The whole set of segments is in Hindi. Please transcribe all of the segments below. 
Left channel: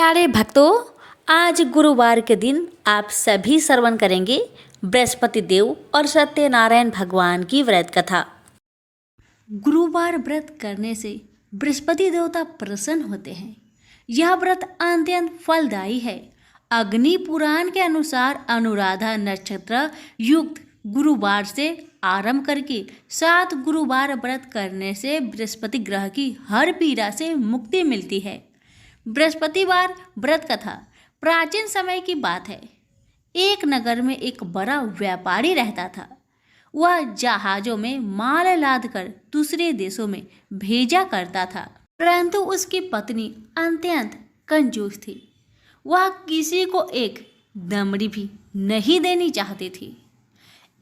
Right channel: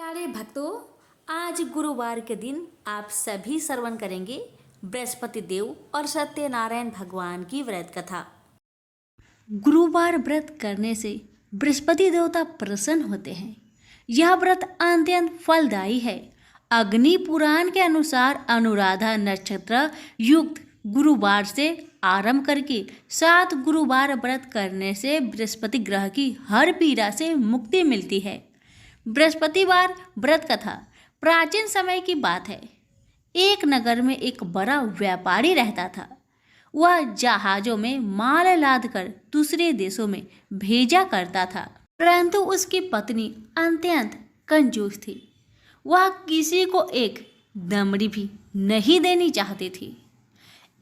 प्यारे भक्तों, आज गुरुवार के दिन आप सभी श्रवण करेंगे बृहस्पति देव और सत्यनारायण भगवान की व्रत कथा। गुरुवार व्रत करने से बृहस्पति देवता प्रसन्न होते हैं। यह व्रत अत्यंत फलदायी है। अग्नि पुराण के अनुसार अनुराधा नक्षत्र युक्त गुरुवार से आरंभ करके 7 गुरुवार व्रत करने से बृहस्पति ग्रह की हर पीड़ा से मुक्ति मिलती है। बृहस्पतिवार व्रत कथा प्राचीन समय की बात है। एक नगर में एक बड़ा व्यापारी रहता था। वह जहाजों में माल लाद कर दूसरे देशों में भेजा करता था, परंतु उसकी पत्नी अत्यंत कंजूस थी। वह किसी को एक दमड़ी भी नहीं देनी चाहती थी।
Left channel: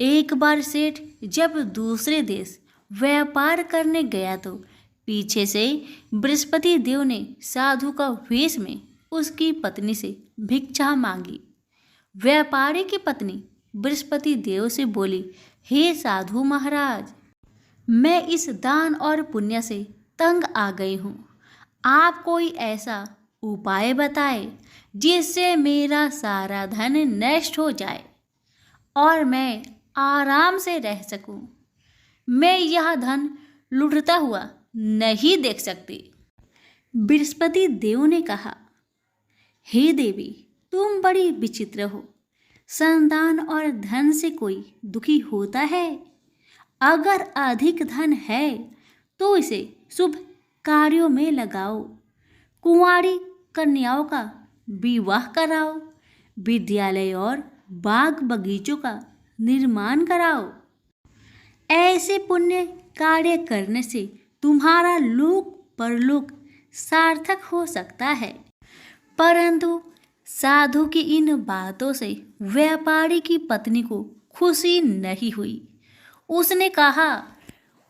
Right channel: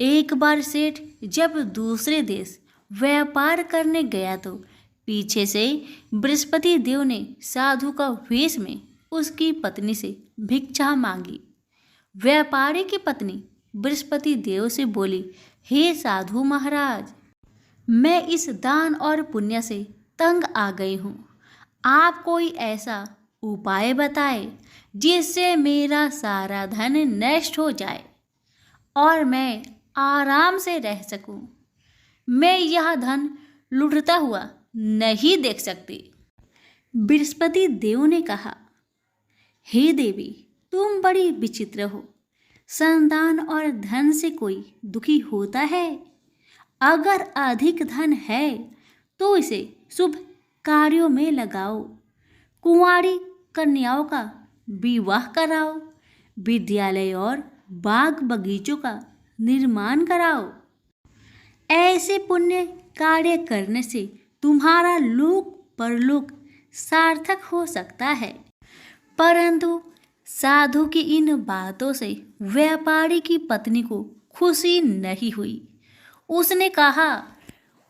एक बार सेठ जब दूसरे देश व्यापार करने गया तो पीछे से बृहस्पति देव ने साधु का वेश में उसकी पत्नी से भिक्षा मांगी। व्यापारी की पत्नी बृहस्पति देव से बोली, हे साधु महाराज, मैं इस दान और पुण्य से तंग आ गई हूँ। आप कोई ऐसा उपाय बताए जिससे मेरा सारा धन नष्ट हो जाए और मैं आराम से रह सकूं। मैं यह धन लुटता हुआ नहीं देख सकती। बृहस्पति देव ने कहा, हे देवी, तुम बड़ी विचित्र हो। संतान और धन से कोई दुखी होता है? अगर अधिक धन है तो इसे शुभ कार्यों में लगाओ। कुंवारी कन्याओं का विवाह कराओ। विद्यालय और बाग बगीचों का निर्माण कराओ। ऐसे पुण्य कार्य करने से तुम्हारा लोक परलोक सार्थक हो सकता है। परंतु साधु की इन बातों से व्यापारी की पत्नी को खुशी नहीं हुई। उसने कहा,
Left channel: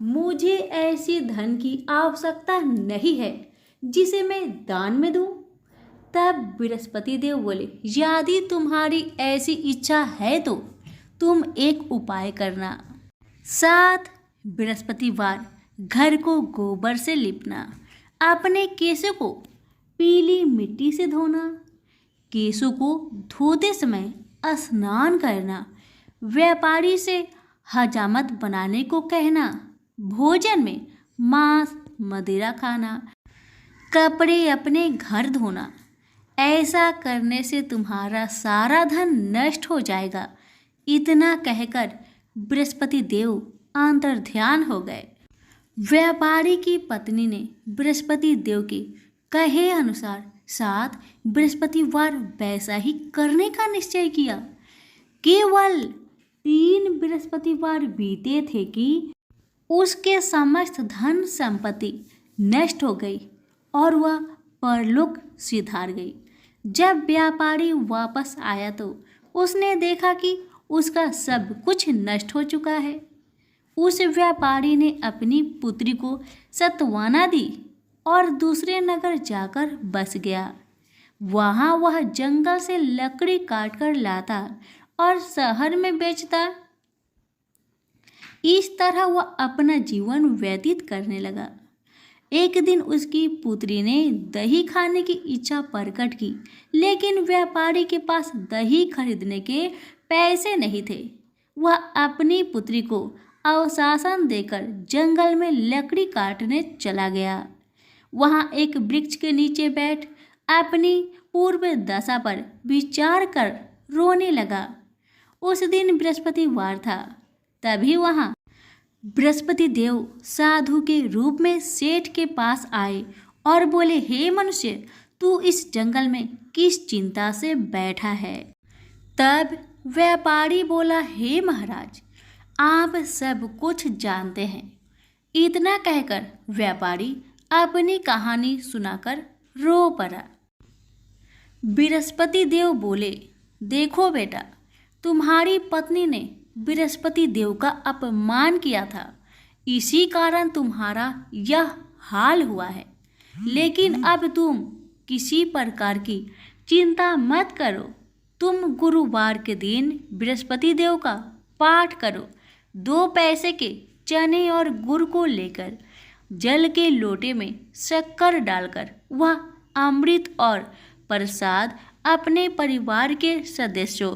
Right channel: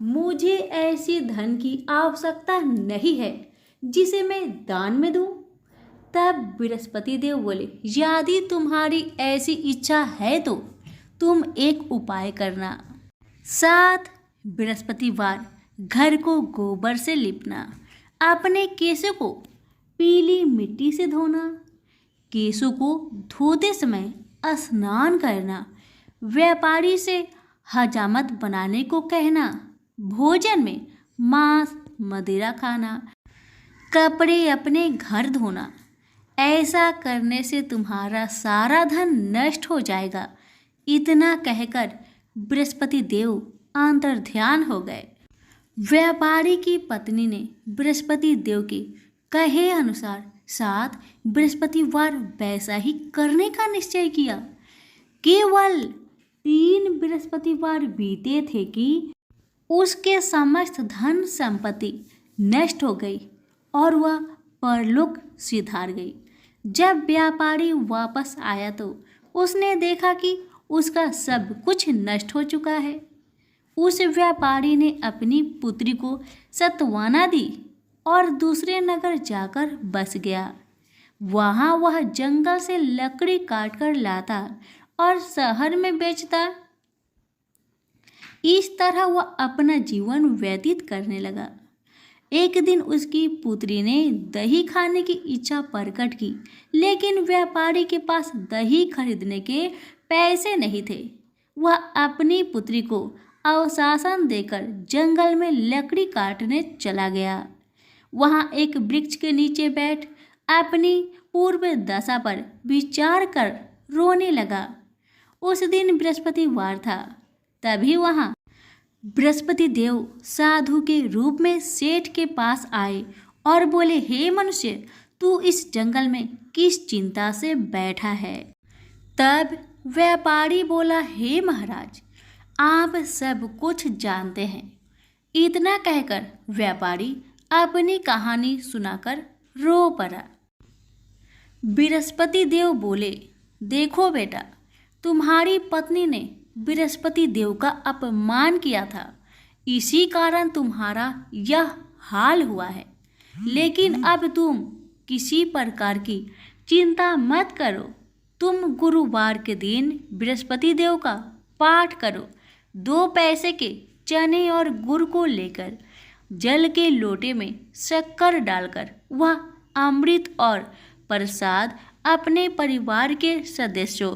मुझे ऐसी धन की आवश्यकता नहीं है जिसे मैं दान में दूं। तब बृहस्पति देव बोले, यदि तुम्हारी ऐसी इच्छा है तो तुम एक उपाय करना। 7 बृहस्पतिवार घर को गोबर से लिपना। अपने केशों को पीली मिट्टी से धोना। केशों को धोते समय स्नान करना। व्यापारी से हजामत बनाने को कहना। भोजन में मांस मदिरा खाना। कपड़े अपने घर धोना। ऐसा करने से तुम्हारा सारा धन नष्ट हो जाएगा। इतना कहकर बृहस्पति देव अंतर्ध्यान हो गए। व्यापारी की पत्नी ने बृहस्पति देव के कहे अनुसार 7 बृहस्पतिवार वैसा ही करने का निश्चय किया। केवल 3 बृहस्पतिवार बीते थे कि उसके समस्त धन संपत्ति नष्ट हो गई और वह परलोक सिधार गई। जब व्यापारी वापस आया तो उसने देखा कि उसका सब कुछ नष्ट हो चुका है। उस व्यापारी ने अपनी पुत्री को सत्वाना दी और दूसरे नगर जाकर बस गया। वहाँ वह जंगल से लकड़ी काटकर लाता और शहर में बेचता। इस तरह वह अपना जीवन व्यतीत करने लगा। एक दिन उसकी पुत्री ने दही खाने की इच्छा प्रकट की, लेकिन व्यापारी के पास दही खरीदने के पैसे नहीं थे। वह अपनी पुत्री को अवशासन देकर जंगल में लकड़ी काटने चला गया। वहाँ एक वृक्ष के नीचे बैठ अपनी पूर्व दशा पर विचार कर रोने लगा। उस दिन बृहस्पतिवार था। तभी वहाँ बृहस्पति देव साधु के रूप में सेठ के पास आए और बोले, हे मनुष्य, तू इस जंगल में किस चिंता से बैठा है? तब व्यापारी बोला, हे महाराज, आप सब कुछ जानते हैं। इतना कहकर व्यापारी अपनी कहानी सुनाकर रो पड़ा। बृहस्पति देव बोले, देखो बेटा, तुम्हारी पत्नी ने बृहस्पति देव का अपमान किया था, इसी कारण तुम्हारा यह हाल हुआ है। लेकिन अब तुम किसी प्रकार की चिंता मत करो। तुम गुरुवार के दिन बृहस्पति देव का पाठ करो। 2 पैसे के चने और गुड़ को लेकर जल के लोटे में शक्कर डालकर वह अमृत और प्रसाद अपने परिवार के सदस्यों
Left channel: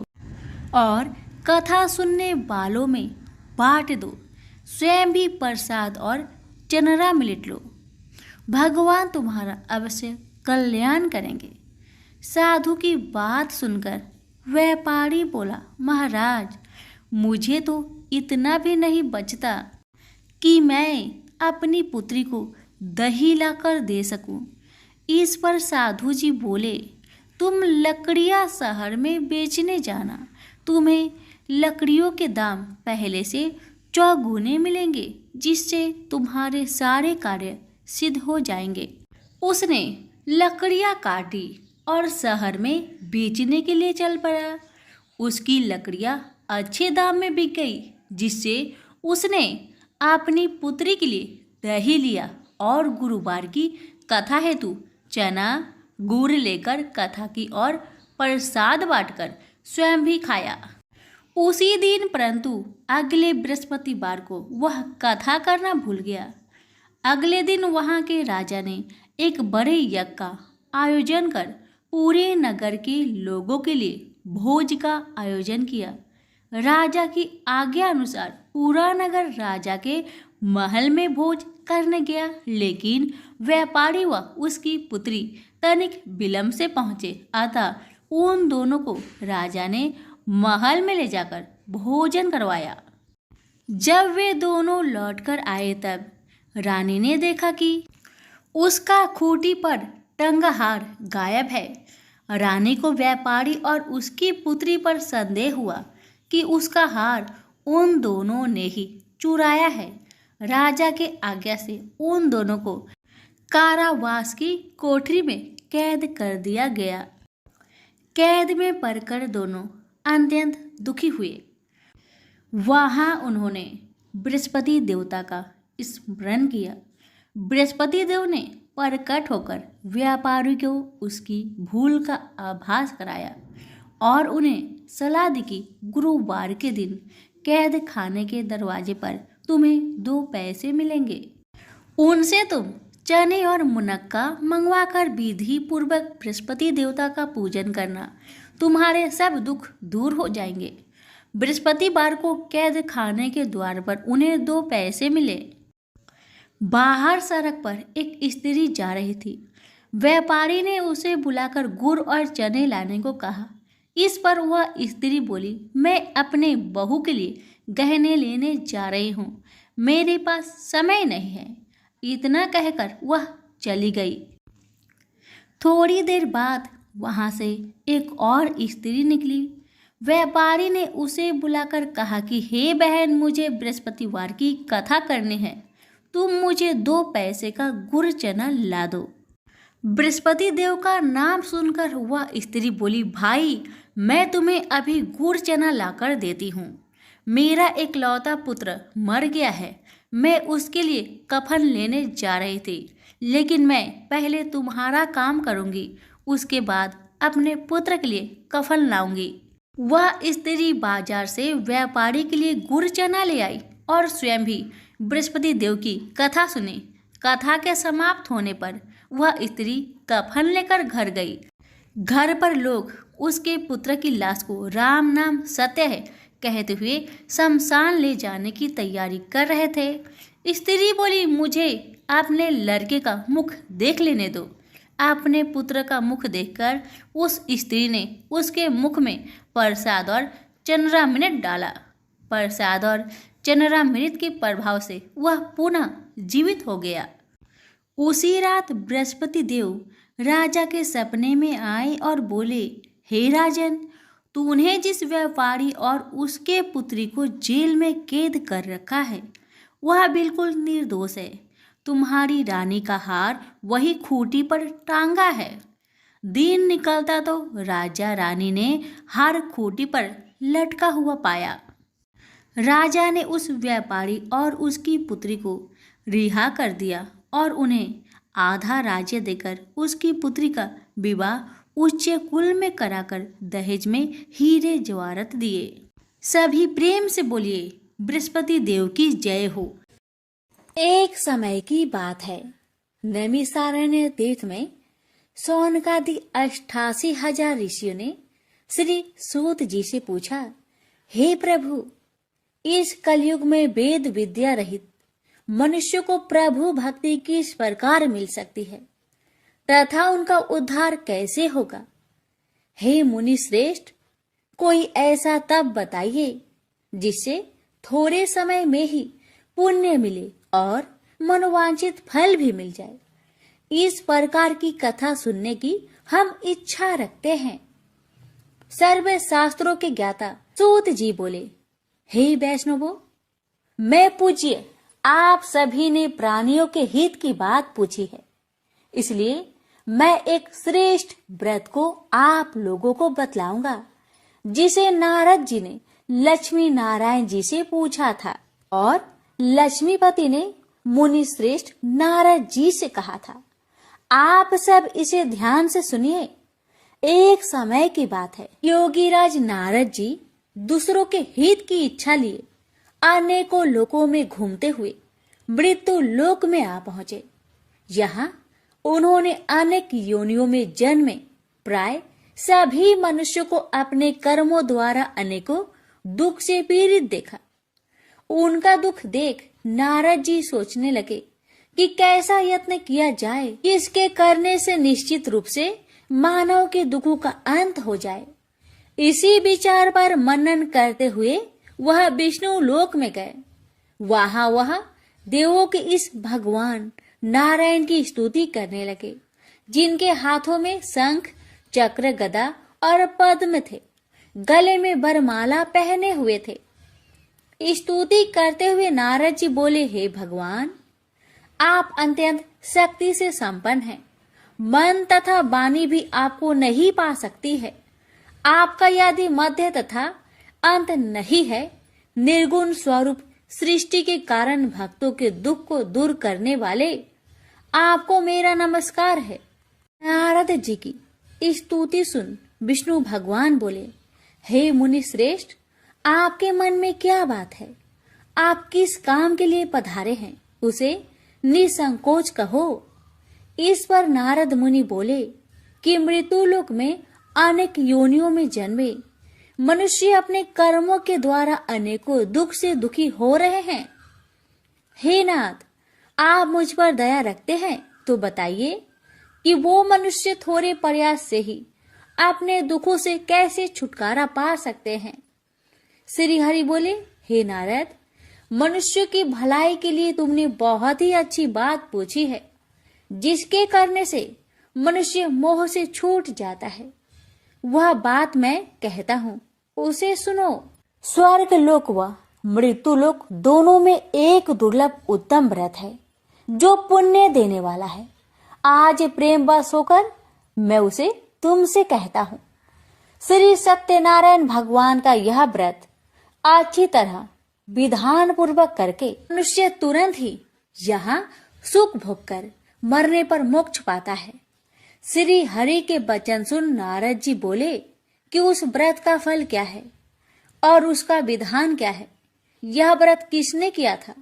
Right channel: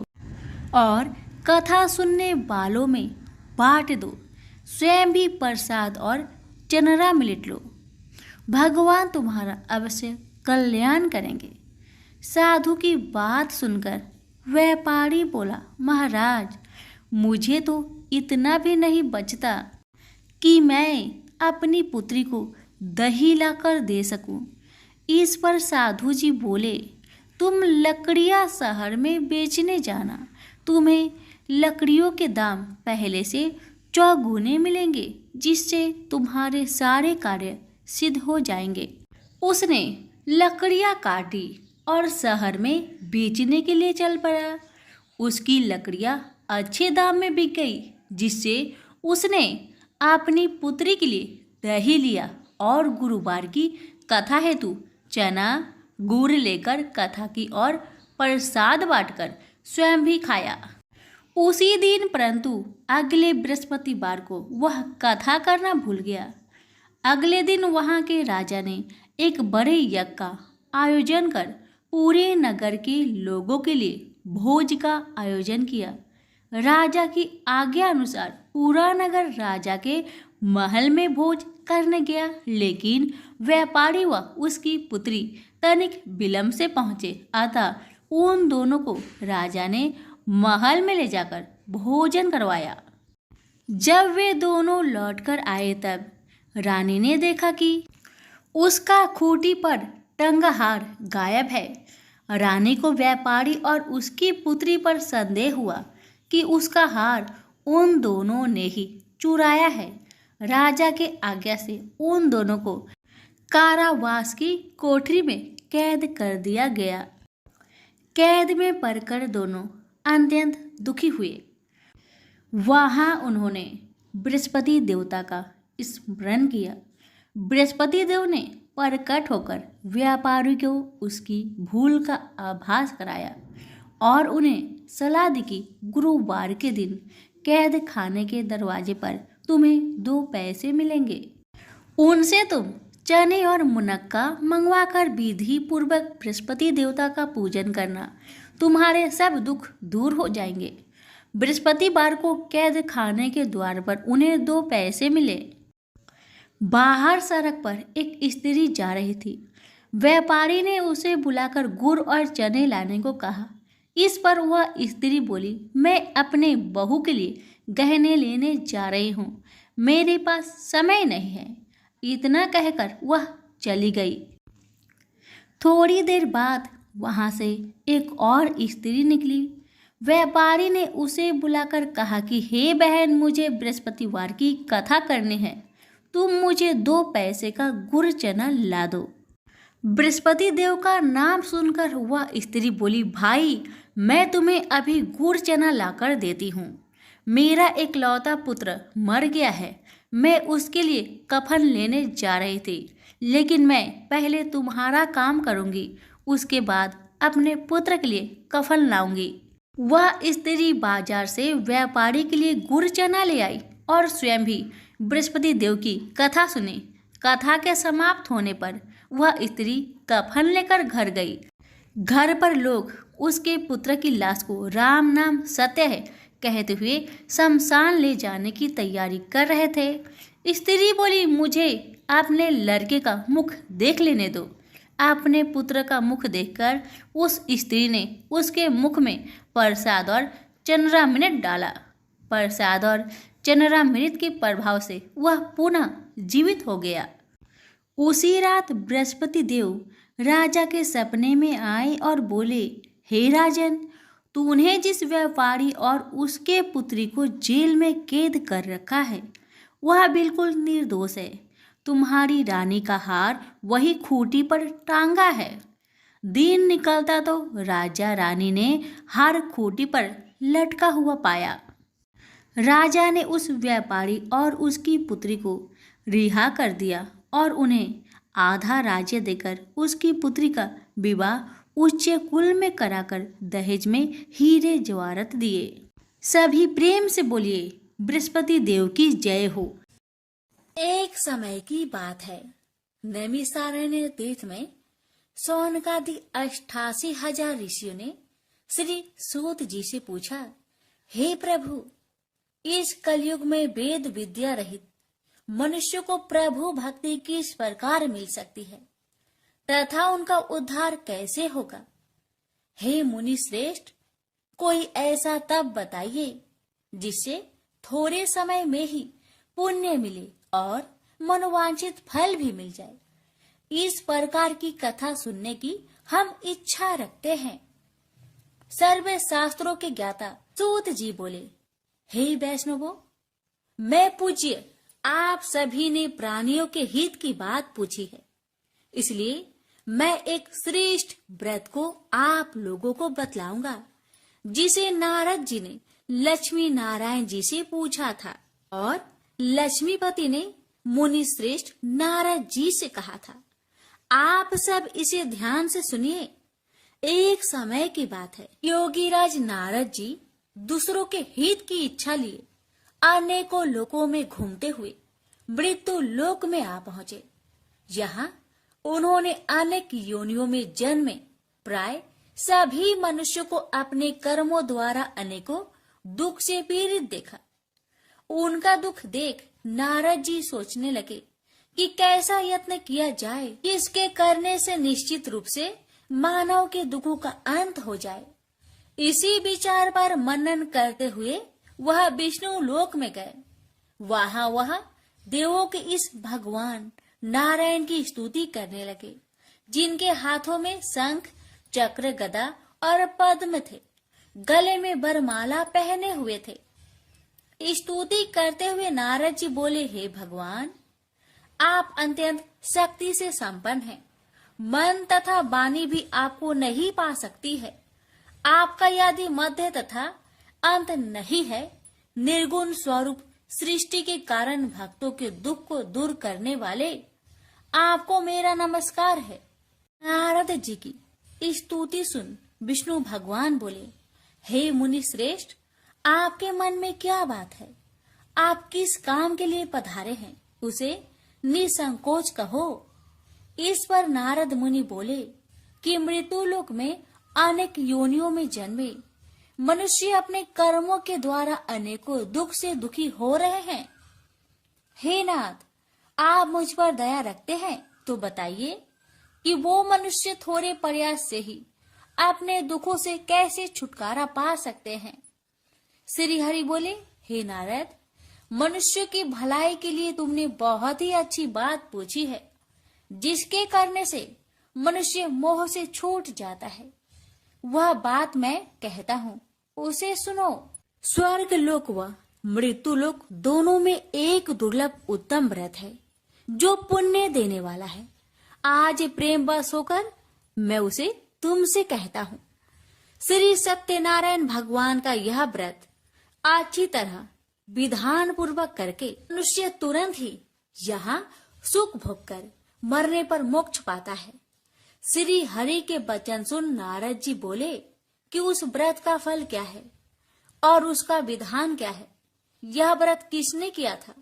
और कथा सुनने वालों में बांट दो। स्वयं भी प्रसाद और चनरा मिलेट लो। भगवान तुम्हारा अवश्य कल्याण करेंगे। साधु की बात सुनकर व्यापारी बोला, महाराज, मुझे तो इतना भी नहीं बचता कि मैं अपनी पुत्री को दही लाकर दे सकूं। इस पर साधु जी बोले, तुम लकड़ियां शहर में बेचने जाना, तुम्हें लकड़ियों के दाम पहले से चौगुने मिलेंगे, जिससे तुम्हारे सारे कार्य सिद्ध हो जाएंगे। उसने लकड़ियां काटी और शहर में बेचने के लिए चल पड़ा। उसकी लकड़ियां अच्छे दाम में बिक गई, जिससे उसने अपनी पुत्री के लिए दही लिया और गुरुवार की कथा हेतु चना गुड़ लेकर कथा की और प्रसाद बांटकर स्वयं भी खाया। उसी दिन परंतु अगले बृहस्पतिवार को वह कथा करना भूल गया। अगले दिन वहां के राजा ने एक बड़े यज्ञ का आयोजन कर पूरे नगर के लोगों के लिए भोज का आयोजन किया। राजा की आज्ञा अनुसार पूरा नगर राजा के महल में भोज करने गया, लेकिन व्यापारी व उसकी पुत्री तनिक विलंब से पहुंचे। अतः उन दोनों को राजा ने महल में ले जाकर भोजन करवाया। जब वे दोनों लौटकर आए तब रानी ने देखा कि उसका खूंटी पर टंगा हार गायब है। रानी को व्यापारी और उसकी पुत्री पर संदेह हुआ कि उसका हार उन दोनों ने ही चुराया है। राजा के आज्ञा से उन दोनों को कारावास की कोठरी में कैद कर दिया गया। कैद में पड़कर दोनों अत्यंत दुखी हुए। वहां उन्होंने बृहस्पति देवता का स्मरण किया। बृहस्पति देव ने प्रकट होकर व्यापारी को उसकी भूल का आभास कराया और उन्हें सलाह दी कि गुरुवार के दिन कैद खाने के दरवाजे पर तुम्हें 2 पैसे मिलेंगे। उनसे तुम चने और मुनक्का मंगवाकर विधि पूर्वक बृहस्पति देवता का पूजन करना, तुम्हारे सब दुख दूर हो जाएंगे। बृहस्पतिवार को कैद खाने के द्वार पर उन्हें 2 पैसे मिले। बाहर सड़क पर एक स्त्री जा रही थी। व्यापारी ने उसे बुलाकर गुड़ और चने लाने को कहा। इस पर वह स्त्री बोली, मैं अपने बहू के लिए गहने लेने जा रही हूँ, मेरे पास समय नहीं है। इतना कहकर वह चली गई। थोड़ी देर बाद वहाँ से एक और स्त्री निकली। व्यापारी ने उसे बुलाकर कहा कि हे बहन, मुझे बृहस्पतिवार की कथा करनी है, तुम मुझे 2 पैसे का गुड़ चना ला दो। बृहस्पति देव का नाम सुनकर वह स्त्री बोली, भाई, मैं तुम्हें अभी गुड़ चना लाकर देती हूँ। मेरा इकलौता पुत्र मर गया है, मैं उसके लिए कफन लेने जा रही थी, लेकिन मैं पहले तुम्हारा काम करूँगी, उसके बाद अपने पुत्र के लिए कफन लाऊंगी। वह स्त्री बाजार से व्यापारी के लिए गुड़ चना ले आई और स्वयं भी बृहस्पति देव की कथा सुनी। कथा के समाप्त होने पर वह स्त्री कफन लेकर घर गई। घर पर लोग उसके पुत्र की लाश को राम नाम सत्य है कहते हुए शमशान ले जाने की तैयारी कर रहे थे। स्त्री बोली, मुझे अपने लड़के का मुख देख लेने दो। अपने पुत्र का मुख देखकर उस स्त्री ने उसके मुख में प्रसाद और चंद्रामृत डाला। प्रसाद और चंद्रामृत के प्रभाव से वह पुनः जीवित हो गया। उसी रात बृहस्पति देव राजा के सपने में आए और बोले, हे राजन, तूने जिस व्यापारी और उसके पुत्री को जेल में कैद कर रखा है वह बिल्कुल निर्दोष है। तुम्हारी रानी का हार वही खूंटी पर टांगा है। दिन निकलता तो राजा रानी ने हार खूंटी पर लटका हुआ पाया। राजा ने उस व्यापारी और उसकी पुत्री को रिहा कर दिया और उन्हें आधा राज्य देकर उसकी पुत्री का विवाह उच्च कुल में कराकर दहेज में हीरे जवाहरात दिए। सभी प्रेम से बोलिए, बृहस्पति देव की जय हो। एक समय की बात है, नैमिषारण्य तीर्थ में सौनकादि 88,000 ऋषियों ने श्री सूत जी से पूछा, हे प्रभु, इस कलयुग में वेद विद्या रहित मनुष्य को प्रभु भक्ति किस प्रकार मिल सकती है तथा उनका उद्धार कैसे होगा? हे मुनि श्रेष्ठ, कोई ऐसा तप बताइए जिससे थोड़े समय में ही पुण्य मिले और मनोवांछित फल भी मिल जाए। इस प्रकार की कथा सुनने की हम इच्छा रखते हैं। सर्व शास्त्रों के ज्ञाता सूत जी बोले, हे वैष्णवों, मैं पूज्य आप सभी ने प्राणियों के हित की बात पूछी है, इसलिए मैं एक श्रेष्ठ व्रत को आप लोगों को बतलाऊंगा, जिसे नारद जी ने लक्ष्मी नारायण जी से पूछा था और लक्ष्मीपति ने मुनि श्रेष्ठ नारद जी से कहा था। आप सब इसे ध्यान से सुनिए। एक समय की बात है, योगीराज नारद जी दूसरों के हित की इच्छा लिए अनेकों लोकों में घूमते हुए मृत्यु लोक में आ पहुंचे। यहाँ उन्होंने अनेक योनियों में जन्मे प्राय सभी मनुष्यों को अपने कर्मों द्वारा अनेकों दुख से पीड़ित देखा। उनका दुख देख नारद जी सोचने लगे कि कैसा यत्न किया जाए, इसके करने से निश्चित रूप से मानव के दुखों का अंत हो जाए। इसी विचार पर मनन करते हुए वह विष्णु लोक में गए। वह देवों के इस भगवान नारायण की स्तुति करने लगे, जिनके हाथों में शंख, चक्र, गदा और पद्म थे, गले में वरमाला पहने हुए थे। स्तुति करते हुए नारद जी बोले, हे भगवान, आप अत्यंत शक्ति से संपन्न हैं। मन तथा वाणी भी आपको नहीं पा सकती है। आपका यदि मध्य तथा अंत नहीं है, निर्गुण स्वरूप सृष्टि के कारण भक्तों के दुख को दूर करने वाले आपको मेरा नमस्कार है। नारद जी की स्तुति सुन विष्णु भगवान बोले, हे मुनि श्रेष्ठ, आपके मन में क्या बात है? आप किस काम के लिए पधारे हैं, उसे निसंकोच कहो। इस पर नारद मुनि बोले कि मृत्यु लोक में अनेक योनियों में जन्मे मनुष्य अपने कर्मों के द्वारा अनेकों दुख से दुखी हो रहे हैं। हे नाथ, आप मुझ पर दया रखते हैं तो बताइए कि वो मनुष्य थोड़े प्रयास से ही अपने दुखों से कैसे छुटकारा पा सकते हैं। श्री हरि बोले, हे नारद, मनुष्य की भलाई के लिए तुमने बहुत ही अच्छी बात पूछी है, जिसके करने से मनुष्य मोह से छूट जाता है। वह बात मैं कहता हूँ, उसे सुनो। स्वर्ग लोक व मृत्यु लोक दोनों में एक दुर्लभ उत्तम व्रत है, जो पुण्य देने वाला है। आज प्रेम वश होकर मैं उसे तुमसे कहता हूँ। श्री सत्यनारायण भगवान का यह व्रत अच्छी तरह विधान पूर्वक करके मनुष्य तुरंत ही यहाँ सुख भोग कर मरने पर मोक्ष पाता है। श्री हरि के वचन सुन नारद जी बोले कि उस व्रत का फल क्या है और उसका विधान क्या है। यह व्रत किसने किया था,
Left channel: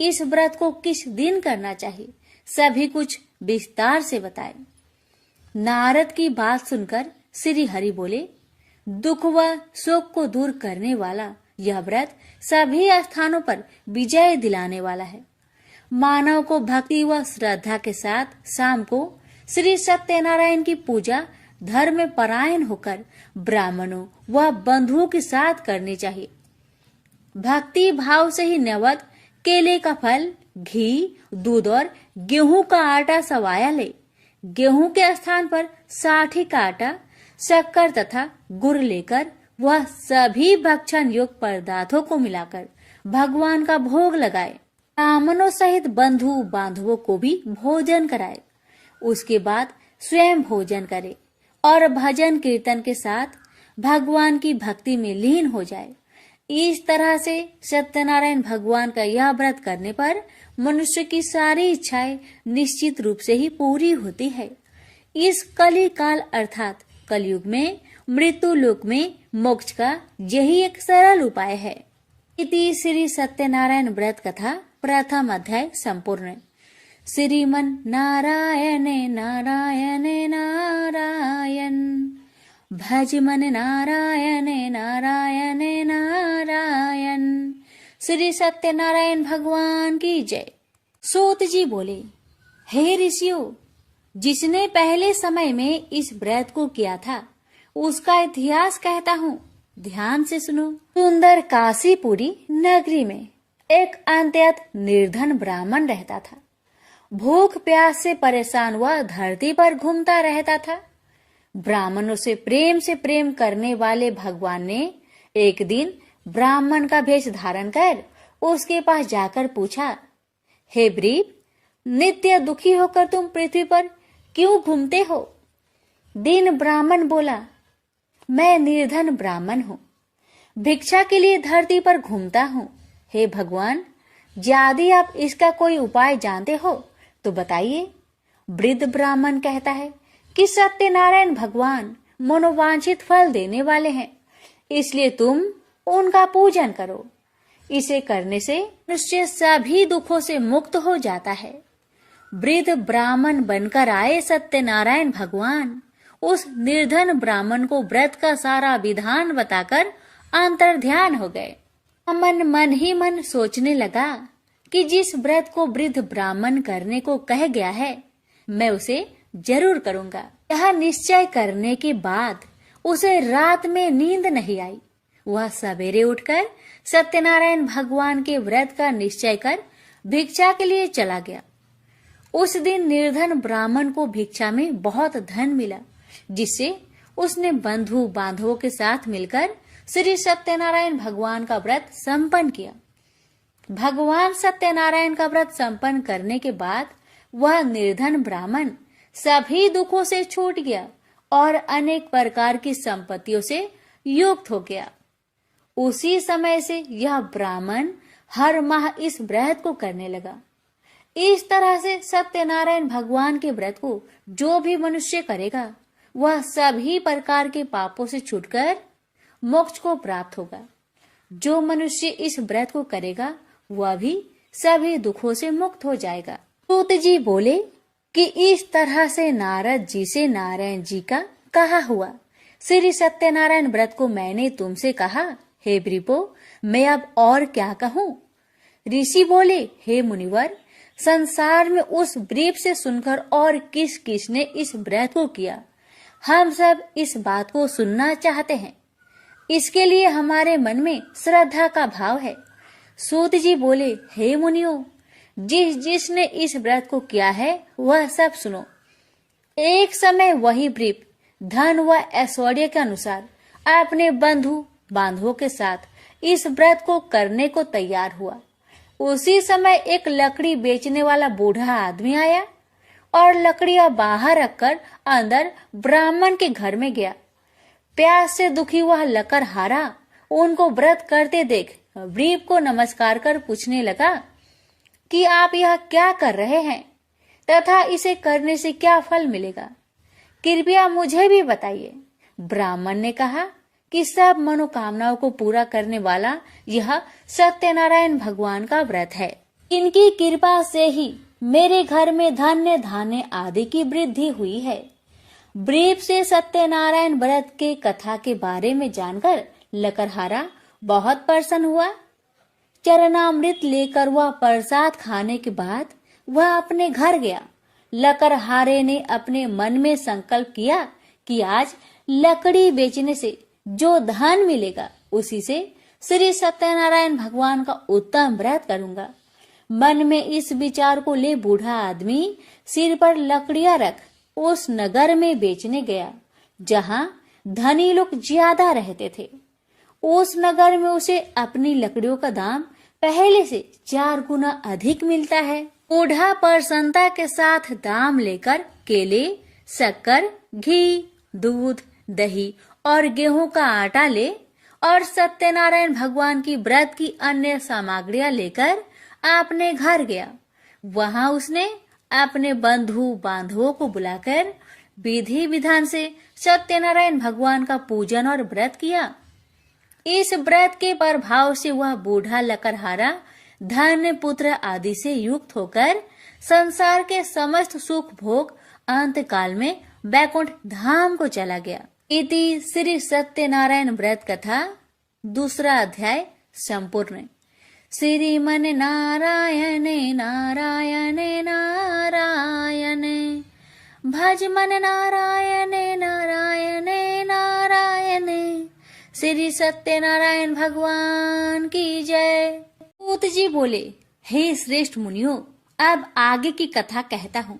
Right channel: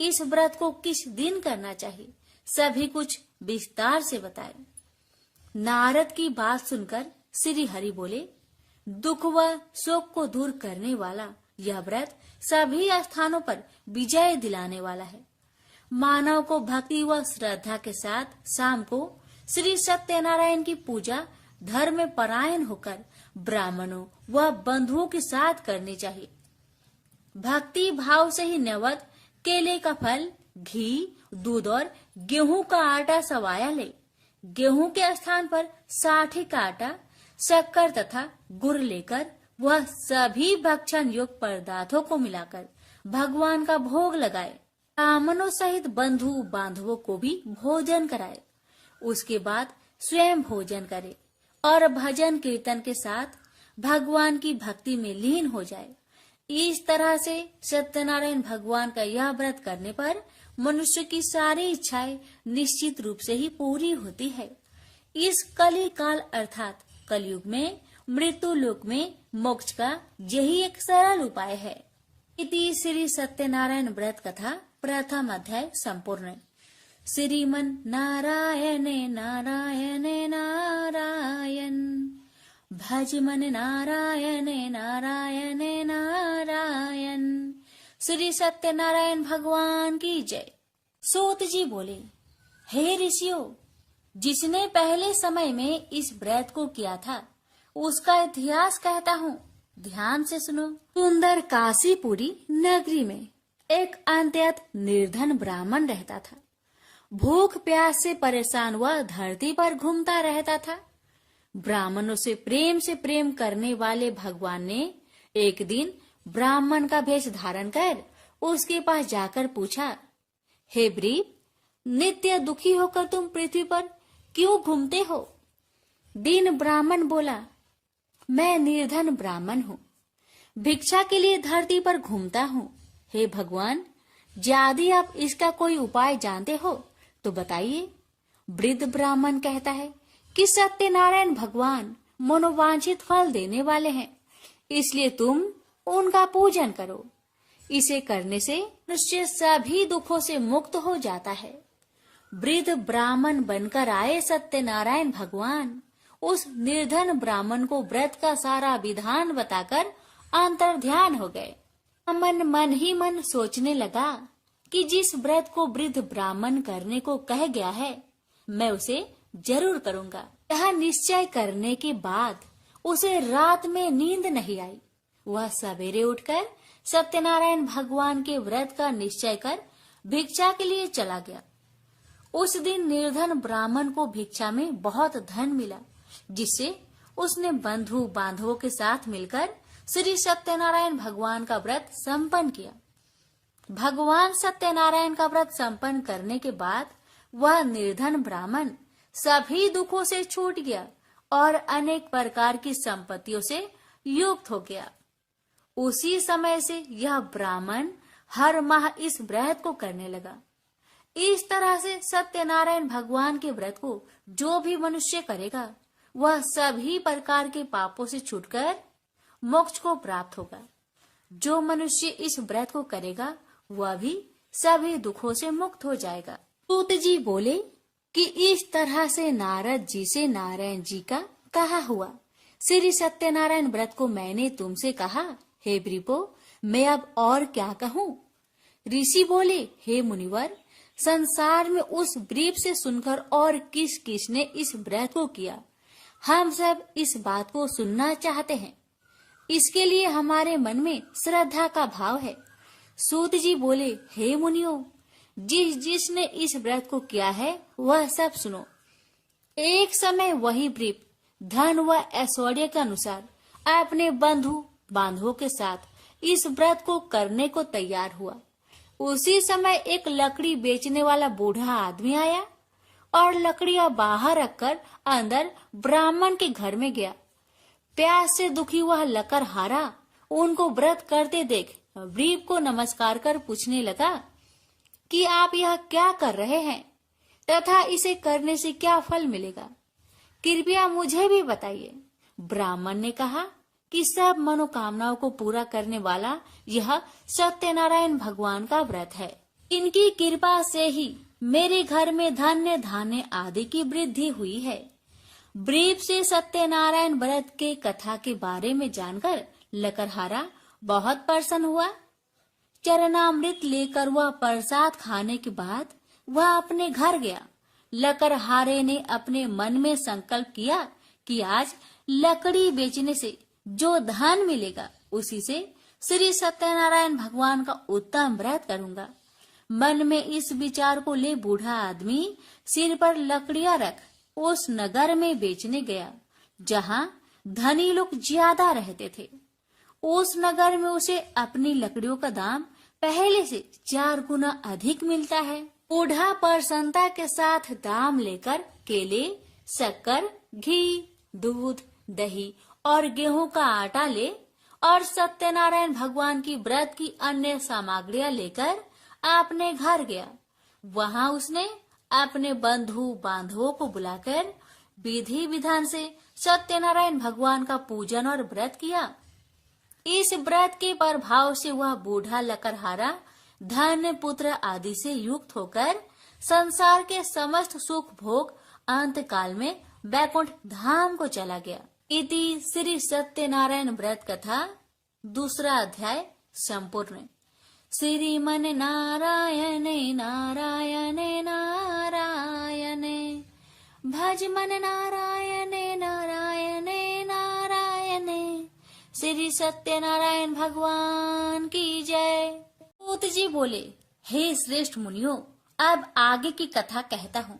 इस व्रत को किस दिन करना चाहिए, सभी कुछ विस्तार से बताए। नारद की बात सुनकर श्री हरि बोले, दुख व शोक को दूर करने वाला यह व्रत सभी स्थानों पर विजय दिलाने वाला है। मानव को भक्ति व श्रद्धा के साथ शाम को श्री सत्यनारायण की पूजा धर्म परायण होकर ब्राह्मणों व बंधुओं के साथ करनी चाहिए। भक्ति भाव से ही नैवेद्य केले का फल, घी, दूध और गेहूं का आटा सवाया ले। गेहूं के स्थान पर साठी का आटा, शक्कर तथा गुड़ लेकर वह सभी भक्षण योग्य पदार्थों को मिलाकर भगवान का भोग लगाए। ब्राह्मणों सहित बंधु बांधवों को भी भोजन कराए। उसके बाद स्वयं भोजन करे और भजन कीर्तन के साथ भगवान की भक्ति में लीन हो जाए। इस तरह से सत्यनारायण भगवान का यह व्रत करने पर मनुष्य की सारी इच्छाएं निश्चित रूप से ही पूरी होती है। इस कली काल अर्थात कलयुग में मृत्यु लोक में मोक्ष का यही एक सरल उपाय है। इति श्री सत्यनारायण व्रत कथा प्रथम अध्याय संपूर्ण। श्रीमन नारायण नारायण नारायण, भज मन नारायण नारायण नारायण। श्री सत्यनारायण भगवान की जय। सूत जी बोले, हे ऋषियों, जिसने पहले समय में इस व्रत को किया था उसका इतिहास कहता हूँ, ध्यान से सुनो। सुंदर काशीपुरी नगरी में एक अत्यंत निर्धन ब्राह्मण रहता था। भूख प्यास से परेशान हुआ धरती पर घूमता रहता था। ब्राह्मणों से प्रेम करने वाले भगवान ने एक दिन ब्राह्मण का भेष धारण कर उसके पास जाकर पूछा, हे ब्रीप, नित्य दुखी होकर तुम पृथ्वी पर क्यों घूमते हो? दीन ब्राह्मण बोला, मैं निर्धन ब्राह्मण हूँ, भिक्षा के लिए धरती पर घूमता हूँ। हे भगवान, यदि आप इसका कोई उपाय जानते हो तो बताइए। वृद्ध ब्राह्मण कहता है कि सत्यनारायण भगवान मनोवांछित फल देने वाले हैं, इसलिए तुम उनका पूजन करो। इसे करने से निश्चय सभी दुखों से मुक्त हो जाता है। वृद्ध ब्राह्मण बनकर आए सत्यनारायण भगवान उस निर्धन ब्राह्मण को व्रत का सारा विधान बताकर अंतर्ध्यान हो गए। मन मन ही मन सोचने लगा कि जिस व्रत को वृद्ध ब्राह्मण करने को कह गया है, मैं उसे जरूर करूंगा। यह निश्चय करने के बाद उसे रात में नींद नहीं आई। वह सवेरे उठकर सत्यनारायण भगवान के व्रत का निश्चय कर भिक्षा के लिए चला गया। उस दिन निर्धन ब्राह्मण को भिक्षा में बहुत धन मिला, जिससे उसने बंधु बांधवों के साथ मिलकर श्री सत्यनारायण भगवान का व्रत संपन्न किया। भगवान सत्यनारायण का व्रत संपन्न करने के बाद वह निर्धन ब्राह्मण सभी दुखों से छूट गया और अनेक प्रकार की संपत्तियों से युक्त हो गया। उसी समय से यह ब्राह्मण हर माह इस व्रत को करने लगा। इस तरह से सत्यनारायण भगवान के व्रत को जो भी मनुष्य करेगा वह सभी प्रकार के पापों से छूटकर मोक्ष को प्राप्त होगा। जो मनुष्य इस व्रत को करेगा वह भी सभी दुखों से मुक्त हो जाएगा। सूत जी बोले कि इस तरह से नारद जी से नारायण जी का कहा हुआ श्री सत्यनारायण व्रत को मैंने तुमसे कहा। हे ब्रीपो, मैं अब और क्या कहूँ? ऋषि बोले, हे मुनिवर, संसार में उस ब्रीप से सुनकर और किस किस ने इस व्रत को किया, हम सब इस बात को सुनना चाहते हैं। इसके लिए हमारे मन में श्रद्धा का भाव है। सूत जी बोले, हे मुनियों, जिसने इस व्रत को किया है वह सब सुनो। एक समय वही ब्रीप धन व ऐश्वर्य के अनुसार अपने बंधु बांधवों के साथ इस व्रत को करने को तैयार हुआ। उसी समय एक लकड़ी बेचने वाला बूढ़ा आदमी आया और लकड़ियां बाहर रखकर अंदर ब्राह्मण के घर में गया। प्यास से दुखी वह लकड़हारा उनको व्रत करते देख ब्रीप को नमस्कार कर पूछने लगा कि आप यह क्या कर रहे हैं तथा इसे करने से क्या फल मिलेगा, कृपया मुझे भी बताइए। ब्राह्मण ने कहा कि सब मनोकामनाओं को पूरा करने वाला यह सत्यनारायण भगवान का व्रत है। इनकी कृपा से ही मेरे घर में धान्य धान्य आदि की वृद्धि हुई है। ब्रीप से सत्यनारायण व्रत के कथा के बारे में जानकर लकड़हारा बहुत प्रसन्न हुआ। चरणामृत लेकर वह प्रसाद खाने के बाद वह अपने घर गया। लकड़हारे ने अपने मन में संकल्प किया कि आज लकड़ी बेचने से जो धन मिलेगा उसी से श्री सत्यनारायण भगवान का उत्तम व्रत करूंगा। मन में इस विचार को ले बूढ़ा आदमी सिर पर लकड़ियां रख उस नगर में बेचने गया जहां धनी लोग ज्यादा रहते थे। उस नगर में उसे अपनी लकड़ियों का दाम पहले से 4 गुना अधिक मिलता है। बूढ़ा प्रसन्नता के साथ दाम लेकर केले, शक्कर, घी, दूध, दही और गेहूं का आटा ले और सत्यनारायण भगवान की व्रत की अन्य सामग्रियां लेकर अपने घर गया। वहां उसने अपने बंधु बांधवों को बुलाकर विधि विधान से सत्यनारायण भगवान का पूजन और व्रत किया। इस व्रत के प्रभाव से वह बूढ़ा लकड़हारा धन पुत्र आदि से युक्त होकर संसार के समस्त सुख भोग अंत काल में बैकुंठ धाम को चला गया। इति श्री सत्यनारायण व्रत कथा 2 अध्याय संपूर्ण। श्रीमन नारायण नारायण नारायण भज मन नारायण नारायण नारायण। श्री सत्यनारायण भगवान की जय। सूत जी बोले, हे श्रेष्ठ मुनियों, अब आगे की कथा कहता हूँ।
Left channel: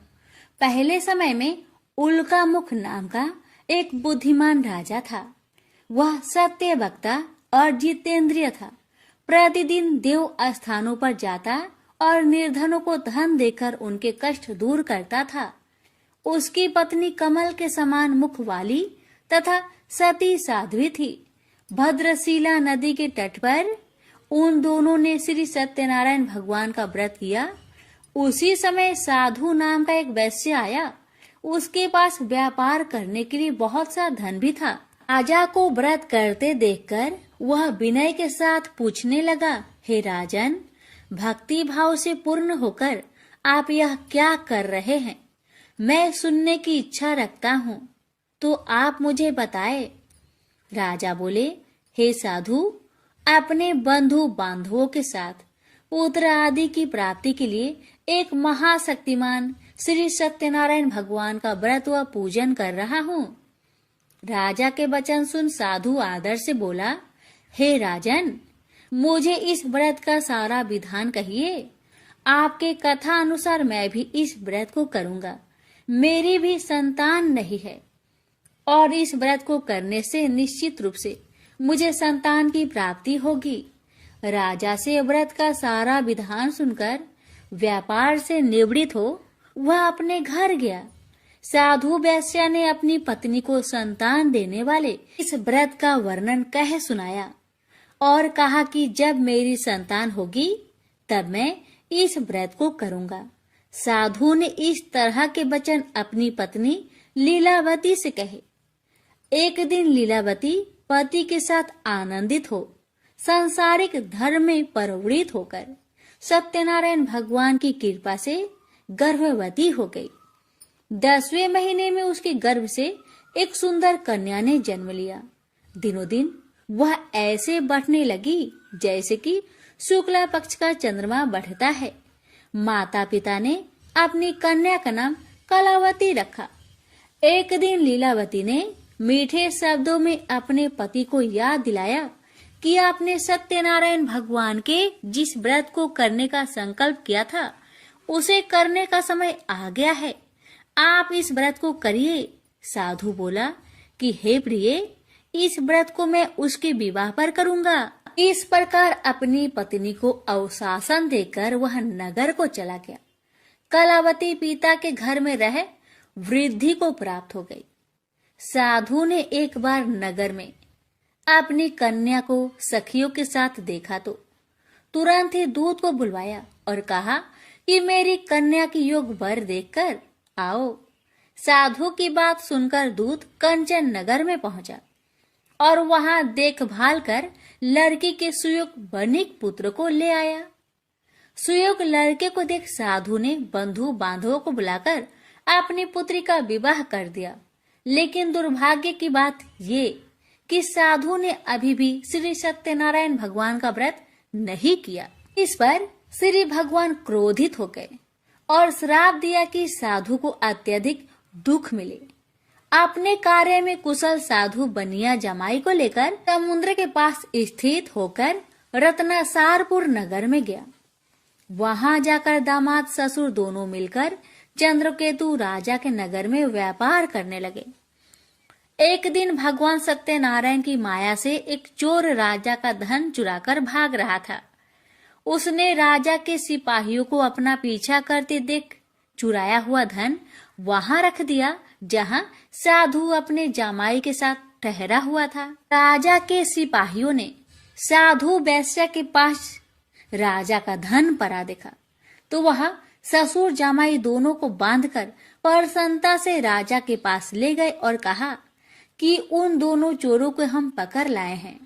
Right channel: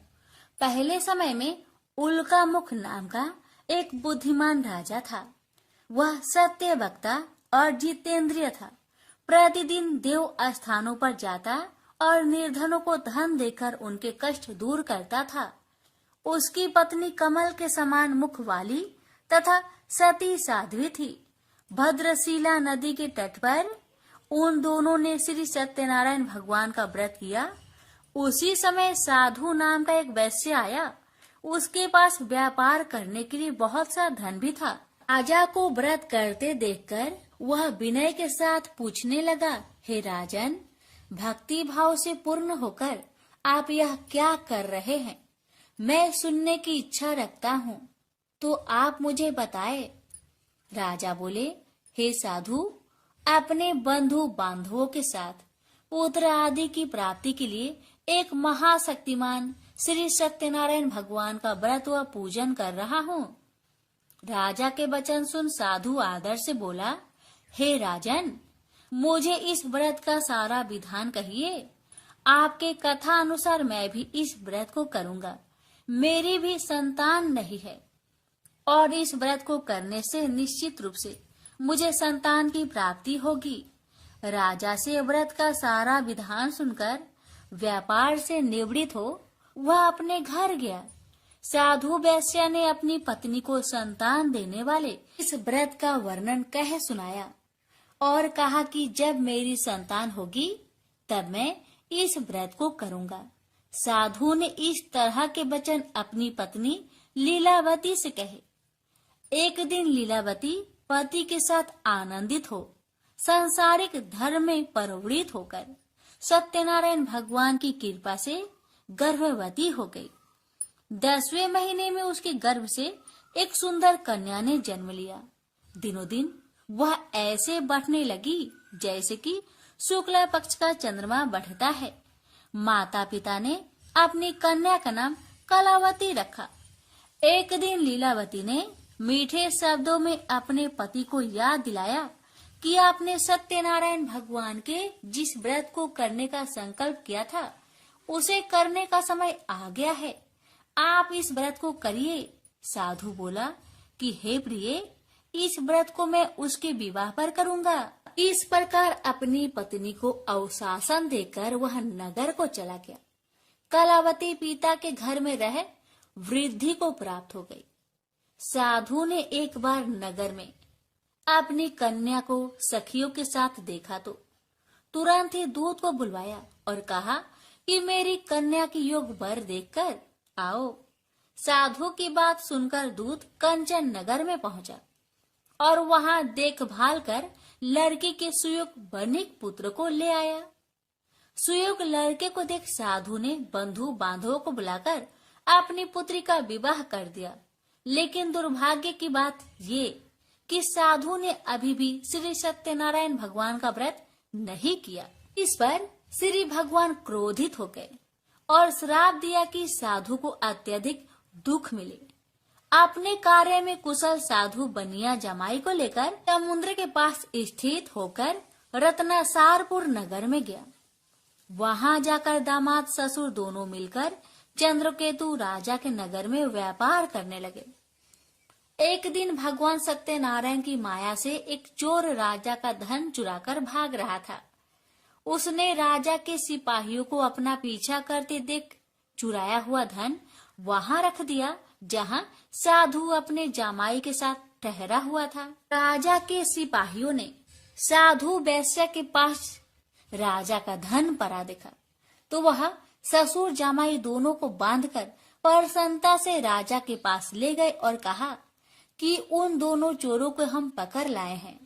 पहले समय में उल्कामुख नाम का एक बुद्धिमान राजा था। वह सत्य वक्ता और जितेंद्रिय था। प्रतिदिन देव स्थानों पर जाता और निर्धनों को धन देकर उनके कष्ट दूर करता था। उसकी पत्नी कमल के समान मुख वाली तथा सती साध्वी थी। भद्रशिला नदी के तट पर उन दोनों ने श्री सत्यनारायण भगवान का व्रत किया। उसी समय साधु नाम का एक वैश्य आया। उसके पास व्यापार करने के लिए बहुत सा धन भी था। राजा को व्रत करते देखकर वह विनय के साथ पूछने लगा, हे राजन, भक्ति भाव से पूर्ण होकर आप यह क्या कर रहे हैं? मैं सुनने की इच्छा रखता हूँ, तो आप मुझे बताए। राजा बोले, हे साधु, अपने बंधु बांधवों के साथ पुत्र आदि की प्राप्ति के लिए एक महाशक्तिमान श्री सत्यनारायण भगवान का व्रत व पूजन कर रहा हूँ। राजा के वचन सुन साधु आदर से बोला, हे राजन, मुझे इस व्रत का सारा विधान कहिए। आपके कथा अनुसार मैं भी इस व्रत को करूँगा। मेरी भी संतान नहीं है और इस व्रत को करने से निश्चित रूप से मुझे संतान की प्राप्ति होगी। राजा से व्रत का सारा विधान सुनकर व्यापार से निवृत्त हो वह अपने घर गया। साधु वैश्य ने अपनी पत्नी को संतान देने वाले इस व्रत का वर्णन कह सुनाया और कहा कि जब मेरी संतान होगी तब मैं इस व्रत को करूँगा। साधु ने इस तरह के वचन अपनी पत्नी लीलावती से कहे। एक दिन लीलावती पति के साथ आनंदित हो सांसारिक धर्म में प्रवृत्त होकर सत्यनारायण भगवान की कृपा से गर्भवती हो गई। 10वें महीने में उसके गर्भ से एक सुंदर कन्या ने जन्म लिया। दिनों दिन वह ऐसे बढ़ने लगी जैसे कि शुक्ला पक्ष का चंद्रमा बढ़ता है। माता पिता ने अपनी कन्या का नाम कलावती रखा। एक दिन लीलावती ने मीठे शब्दों में अपने पति को याद दिलाया कि आपने सत्यनारायण भगवान के जिस व्रत को करने का संकल्प किया था उसे करने का समय आ गया है। आप इस व्रत को करिए। साधु बोला कि हे प्रिय, इस व्रत को मैं उसके विवाह पर करूँगा। इस प्रकार अपनी पत्नी को अवशासन देकर वह नगर को चला गया। कलावती पिता के घर में रह वृद्धि को प्राप्त हो गई। साधु ने एक बार नगर में अपनी कन्या को सखियों के साथ देखा तो तुरंत ही दूत को बुलवाया और कहा कि मेरी कन्या की योग वर देखकर आओ। साधु की बात सुनकर दूत कंचन नगर में पहुंचा और वहां देखभाल कर लड़की के सुयोग वणिक पुत्र को ले आया। सुयोग लड़के को देख साधु ने बंधु बांधवों को बुलाकर अपनी पुत्री का विवाह कर दिया। लेकिन दुर्भाग्य की बात ये कि साधु ने अभी भी श्री सत्यनारायण भगवान का व्रत नहीं किया। इस पर श्री भगवान क्रोधित हो गए और श्राप दिया कि साधु को अत्यधिक दुख मिले। अपने कार्य में कुशल साधु बनिया जमाई को लेकर समुद्र के पास स्थित होकर रत्नासारपुर नगर में गया। वहां जाकर दामाद ससुर दोनों मिलकर चंद्रकेतु राजा के नगर में व्यापार करने लगे। एक दिन भगवान सत्यनारायण की माया से एक चोर राजा का धन चुराकर भाग रहा था। उसने राजा के सिपाहियों को अपना पीछा करते देख चुराया हुआ धन वहां रख दिया जहां साधु अपने जमाई के साथ ठहरा हुआ था। राजा के सिपाहियों ने साधु वैश्य के पास राजा का धन पड़ा देखा तो वह ससुर जमाई दोनों को बांधकर प्रसन्नता से राजा के पास ले गए और कहा कि उन दोनों चोरों को हम पकड़ लाए हैं,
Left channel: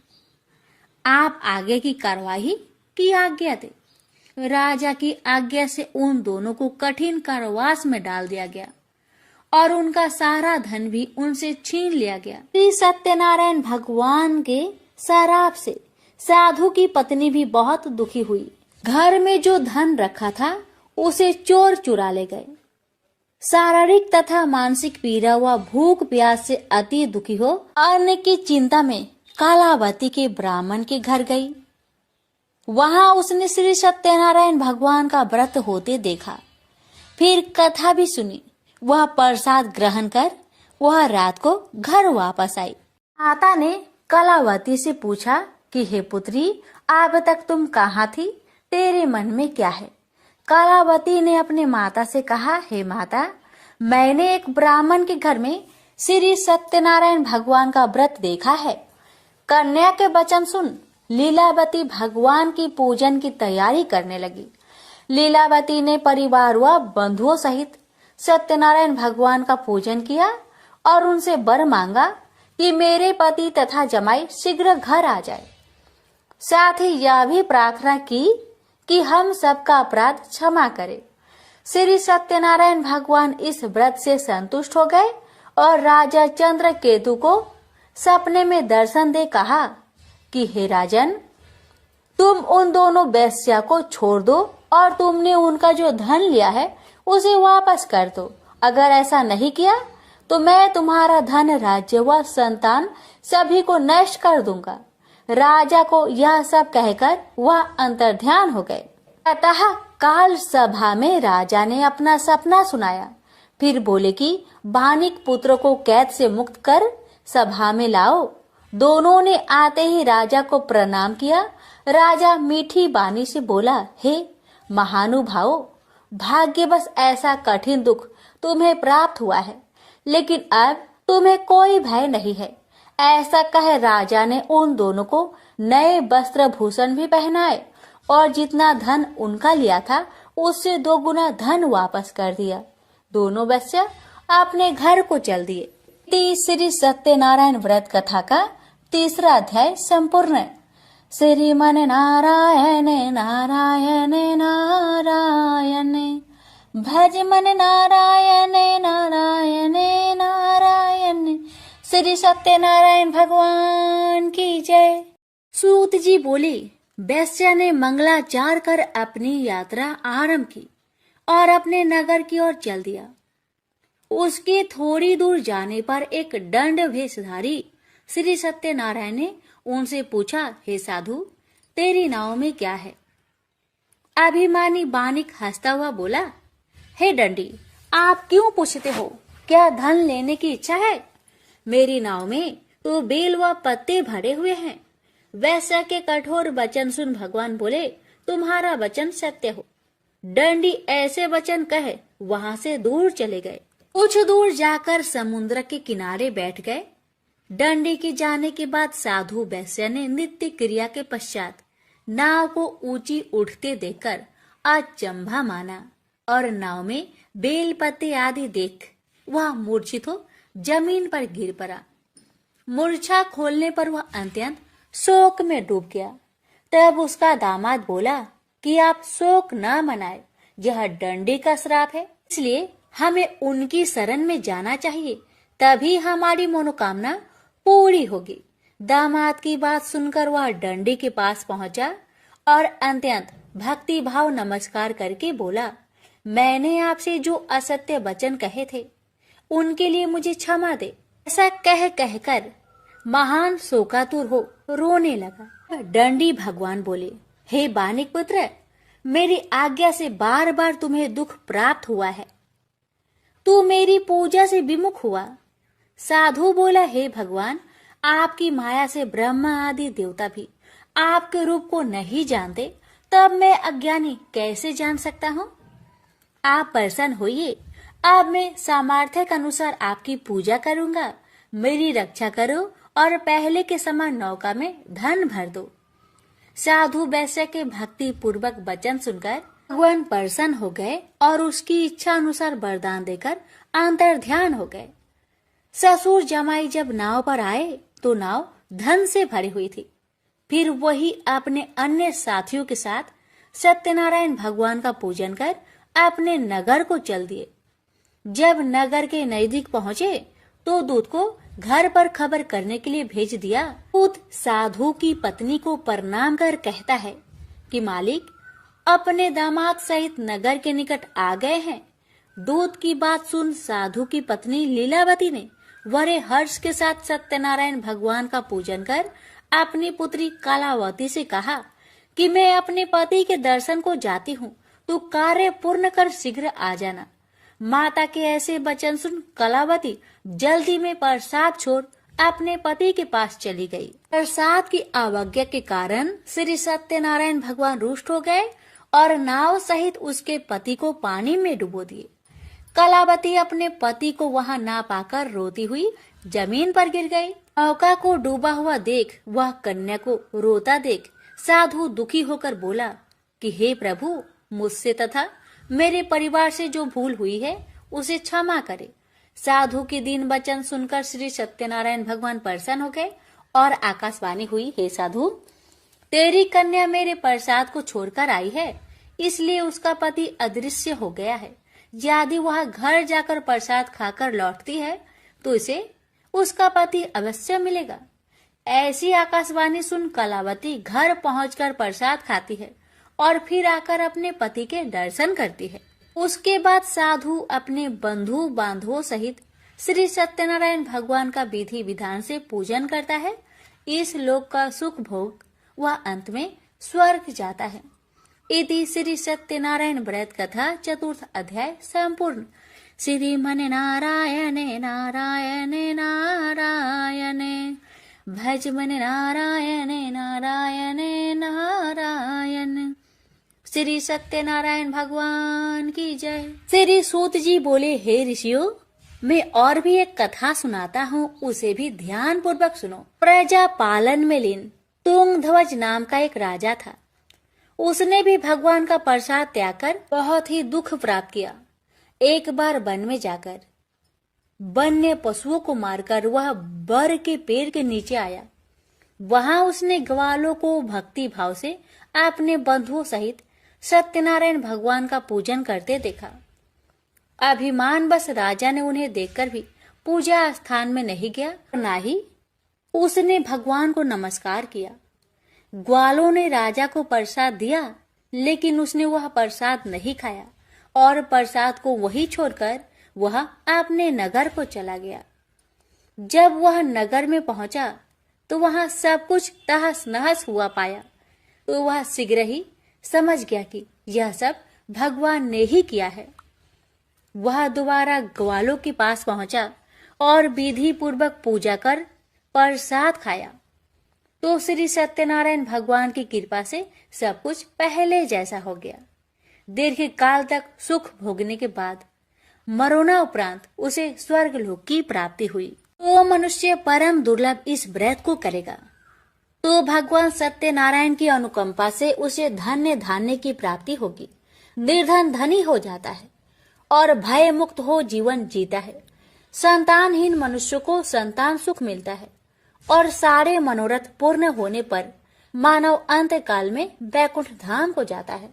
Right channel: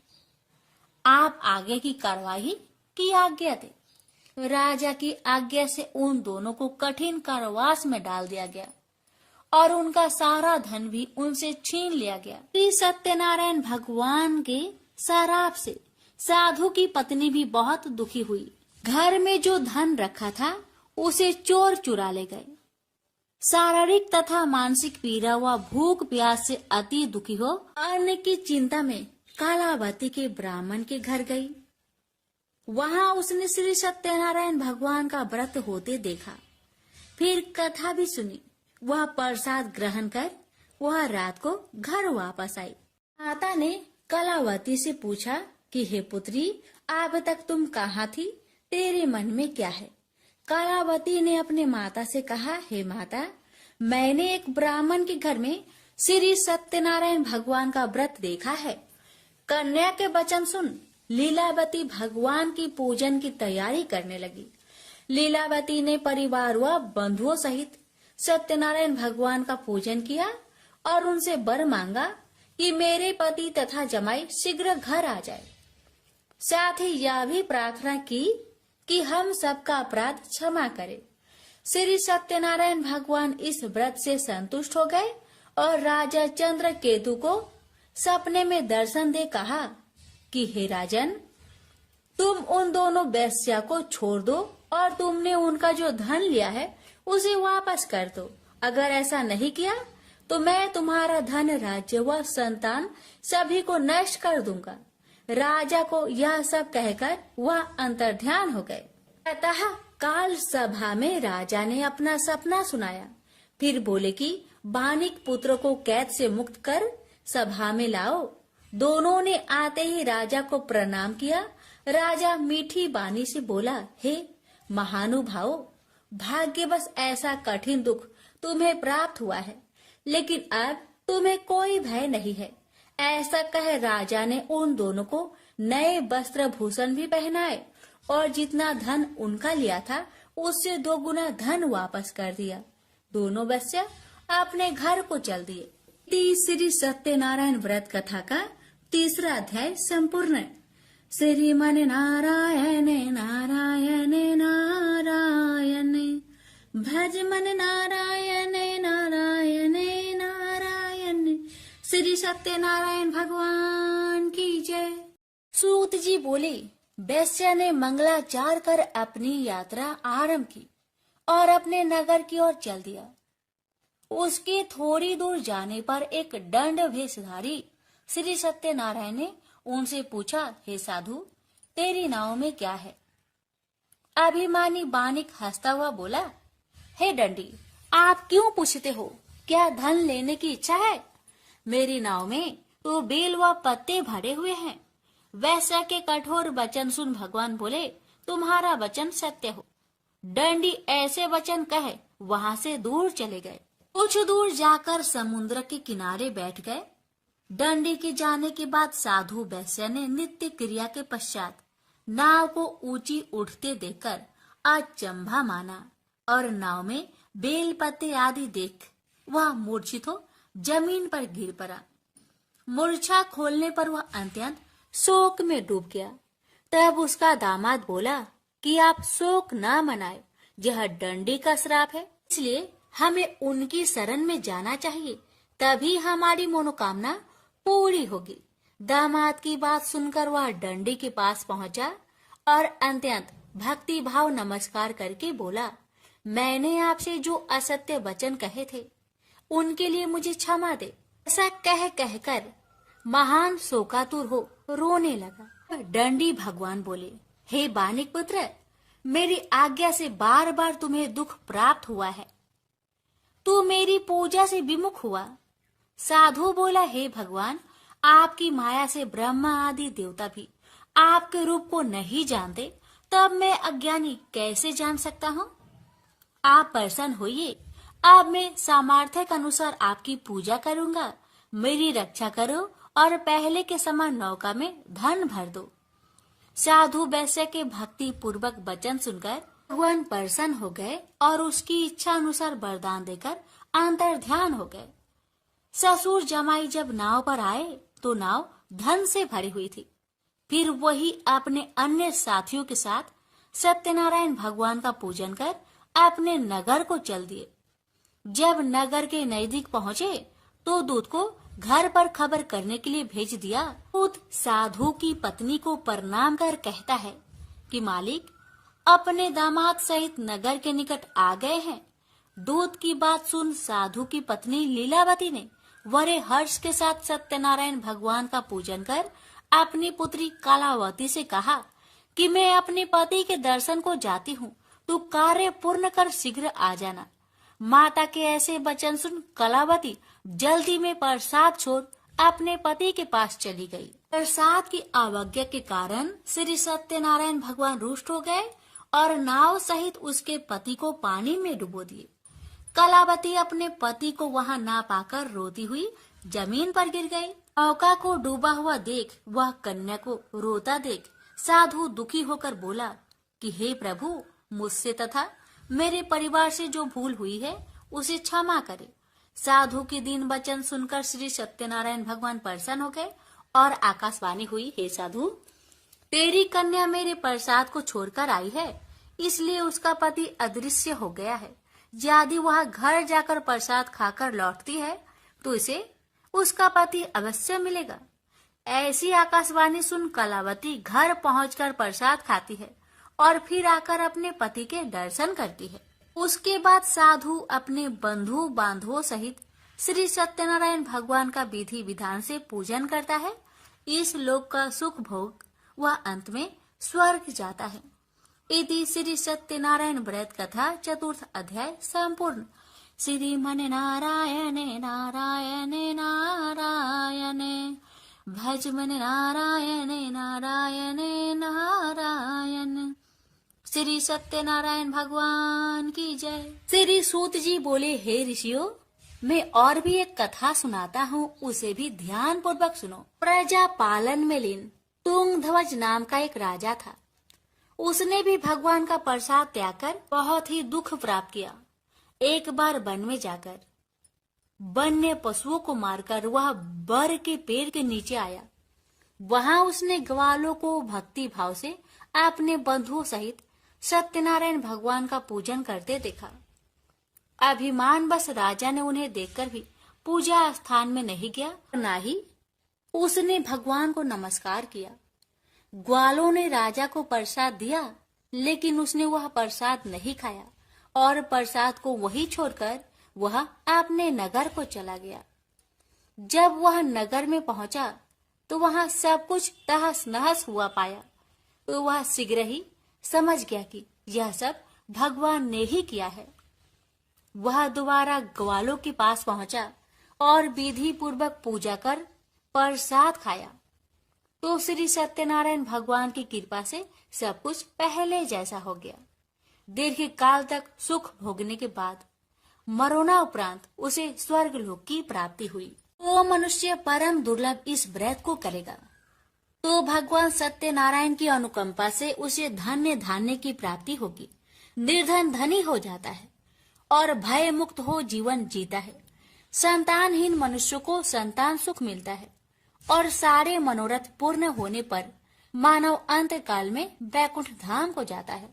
आप आगे की कार्रवाई की आज्ञा दे। राजा की आज्ञा से उन दोनों को कठिन कारावास में डाल दिया गया और उनका सारा धन भी उनसे छीन लिया गया। श्री सत्यनारायण भगवान के शराप से साधु की पत्नी भी बहुत दुखी हुई। घर में जो धन रखा था उसे चोर चुरा ले गए। शारीरिक तथा मानसिक पीड़ा व भूख प्यास से अति दुखी हो अन्न की चिंता में कालावती के ब्राह्मण के घर गई। वहां उसने श्री सत्यनारायण भगवान का व्रत होते देखा। फिर कथा भी सुनी। वह प्रसाद ग्रहण कर वह रात को घर वापस आई। माता ने कलावती से पूछा कि हे पुत्री, अब तक तुम कहाँ थी? तेरे मन में क्या है? कलावती ने अपने माता से कहा, हे माता, मैंने एक ब्राह्मण के घर में श्री सत्यनारायण भगवान का व्रत देखा है। कन्या के वचन सुन लीलावती भगवान की पूजन की तैयारी करने लगी। लीलावती ने परिवार व बंधुओं सहित सत्यनारायण भगवान का पूजन किया और उनसे वर मांगा कि मेरे पति तथा जमाई शीघ्र घर आ जाए। साथ ही यह भी प्रार्थना की कि हम सबका अपराध क्षमा करे। श्री सत्यनारायण भगवान इस व्रत से संतुष्ट हो गए और राजा चंद्रकेतु को सपने में दर्शन दे कहा कि हे राजन, तुम उन दोनों वेश्या को छोड़ दो और तुमने उनका जो धन लिया है उसे वापस कर दो। अगर ऐसा नहीं किया तो मैं तुम्हारा धन, राज्य व संतान सभी को नष्ट कर दूंगा। राजा को यह सब कहकर वह अंतर्ध्यान हो गए। अतः काल सभा में राजा ने अपना सपना सुनाया। फिर बोले कि बानिक पुत्र को कैद से मुक्त कर सभा में लाओ। दोनों ने आते ही राजा को प्रणाम किया। राजा मीठी बानी से बोला, हे महानुभावों, भाग्यवश ऐसा कठिन दुख तुम्हें प्राप्त हुआ है, लेकिन अब तुम्हें कोई भय नहीं है। ऐसा कह राजा ने उन दोनों को नए वस्त्र भूषण भी पहनाए और जितना धन उनका लिया था उससे 2 गुना धन वापस कर दिया। दोनों वेश्या अपने घर को चल दिए। श्री सत्यनारायण व्रत कथा का 3रा अध्याय संपूर्ण। श्रीमन नारायण नारायण नारायण, भज मन नारायण नारायण नारायण। श्री सत्यनारायण भगवान की जय। सूत जी बोले, वैश्या ने मंगलाचार कर अपनी यात्रा आरंभ की और अपने नगर की ओर चल दिया। उसके थोड़ी दूर जाने पर एक दंड वेशधारी श्री सत्यनारायण ने उनसे पूछा, हे साधु, तेरी नाव में क्या है? अभिमानी बानिक हंसता हुआ बोला, हे दंडी, आप क्यों पूछते हो? क्या धन लेने की इच्छा है? मेरी नाव में तो बेल व पत्ते भरे हुए हैं। वैश्या के कठोर वचन सुन भगवान बोले, तुम्हारा वचन सत्य हो। दंडी ऐसे वचन कहे वहां से दूर चले गए। कुछ दूर जाकर समुद्र के किनारे बैठ गए। दंडी के जाने के बाद साधु वैश्या ने नित्य क्रिया के पश्चात नाव को ऊंची उठते देखकर अचंभा माना और नाव में बेल पत्ते आदि देख वह मूर्छित हो जमीन पर गिर पड़ा। मूर्छा खोलने पर वह अत्यंत शोक में डूब गया। तब उसका दामाद बोला कि आप शोक न मनाए, यह दंडी का श्राप है, इसलिए हमें उनकी शरण में जाना चाहिए, तभी हमारी मनोकामना पूरी होगी। दामाद की बात सुनकर वह दंडी के पास पहुंचा और अत्यंत भक्ति भाव नमस्कार करके बोला, मैंने आपसे जो असत्य वचन कहे थे उनके लिए मुझे क्षमा दे। ऐसा कहकर महान शोकातुर हो रोने लगा। दंडी भगवान बोले, हे बानिक पुत्र, मेरी आज्ञा से बार बार तुम्हें दुख प्राप्त हुआ है। तू मेरी पूजा से विमुख हुआ। साधु बोला, हे भगवान, आपकी माया से ब्रह्मा आदि देवता भी आपके रूप को नहीं जानते, तब मैं अज्ञानी कैसे जान सकता हूँ? आप प्रसन्न होइए, अब मैं सामर्थ्य के अनुसार आपकी पूजा करूँगा। मेरी रक्षा करो और पहले के समान नौका में धन भर दो। साधु वैश्य के भक्ति पूर्वक वचन सुनकर भगवान प्रसन्न हो गए और उसकी इच्छा अनुसार वरदान देकर अंतर्ध्यान हो गए। ससुर जमाई जब नाव पर आए तो नाव धन से भरी हुई थी। फिर वही अपने अन्य साथियों के साथ सत्यनारायण भगवान का पूजन कर अपने नगर को चल दिए। जब नगर के नजदीक पहुँचे तो दूत को घर पर खबर करने के लिए भेज दिया। दूत साधु की पत्नी को प्रणाम कर कहता है कि मालिक अपने दामाद सहित नगर के निकट आ गए हैं। दूत की बात सुन साधु की पत्नी लीलावती ने बड़े हर्ष के साथ सत्यनारायण भगवान का पूजन कर अपनी पुत्री कलावती से कहा कि मैं अपने पति के दर्शन को जाती हूँ, तो कार्य पूर्ण कर शीघ्र आ जाना। माता के ऐसे वचन सुन कलावती जल्दी में प्रसाद छोड़ अपने पति के पास चली गई। प्रसाद की अवज्ञा के कारण श्री सत्यनारायण भगवान रुष्ट हो गए और नाव सहित उसके पति को पानी में डुबो दिए। कलावती अपने पति को वहां ना पाकर रोती हुई जमीन पर गिर गई। नौका को डूबा हुआ देख वह कन्या को रोता देख साधु दुखी होकर बोला कि हे प्रभु, मुझसे तथा मेरे परिवार से जो भूल हुई है उसे क्षमा करे। साधु के दीन वचन सुनकर श्री सत्यनारायण भगवान प्रसन्न हो गए और आकाशवाणी हुई, हे साधु, तेरी कन्या मेरे प्रसाद को छोड़कर आई है, इसलिए उसका पति अदृश्य हो गया है। यदि वह घर जाकर प्रसाद खाकर लौटती है तो इसे उसका पति अवश्य मिलेगा। ऐसी आकाशवाणी सुन कलावती घर पहुंचकर प्रसाद खाती है और फिर आकर अपने पति के दर्शन करती है। उसके बाद साधु अपने बंधु बांधवों सहित श्री सत्यनारायण भगवान का विधि विधान से पूजन करता है। इस लोक का सुख भोग वह अंत में स्वर्ग जाता है। इति श्री सत्यनारायण व्रत कथा चतुर्थ अध्याय संपूर्ण। श्रीमन नारायणे नारायणे नारायणे भज मन नारायणे नारायणे नारायण। श्री सत्यनारायण भगवान की जय। श्री सूत जी बोले, हे ऋषियों, मैं और भी एक कथा सुनाता हूँ, उसे भी ध्यान पूर्वक सुनो। प्रजा पालन में लीन तुंगध्वज नाम का एक राजा था। उसने भी भगवान का प्रसाद त्याग कर बहुत ही दुख प्राप्त किया। एक बार वन में जाकर वन्य पशुओं को मारकर वह बर के पेड़ के नीचे आया। वहां उसने ग्वालों को भक्ति भाव से अपने बंधुओं सहित सत्यनारायण भगवान का पूजन करते देखा। अभिमान बस राजा ने उन्हें देखकर भी पूजा स्थान में नहीं गया, न ही उसने भगवान को नमस्कार किया। ग्वालों ने राजा को प्रसाद दिया, लेकिन उसने वह प्रसाद नहीं खाया और प्रसाद को वही छोड़कर वह अपने नगर को चला गया। जब वह नगर में पहुंचा तो वहां सब कुछ तहस नहस हुआ पाया, तो वह शीघ्र ही समझ गया कि यह सब भगवान ने ही किया है। वह दोबारा ग्वालों के पास पहुंचा और विधि पूर्वक पूजा कर प्रसाद खाया, तो श्री सत्यनारायण भगवान की कृपा से सब कुछ पहले जैसा हो गया। दीर्घ काल तक सुख भोगने के बाद मरोना उपरांत उसे स्वर्ग लोक की प्राप्ति हुई। तो मनुष्य परम दुर्लभ इस व्रत को करेगा तो भगवान सत्यनारायण की अनुकंपा से उसे धन्य धान्य की प्राप्ति होगी। निर्धन धनी हो जाता है और भय मुक्त हो जीवन जीता है। संतानहीन मनुष्य को संतान सुख मिलता है और सारे मनोरथ पूर्ण होने पर मानव अंत काल में वैकुंठ धाम को जाता है।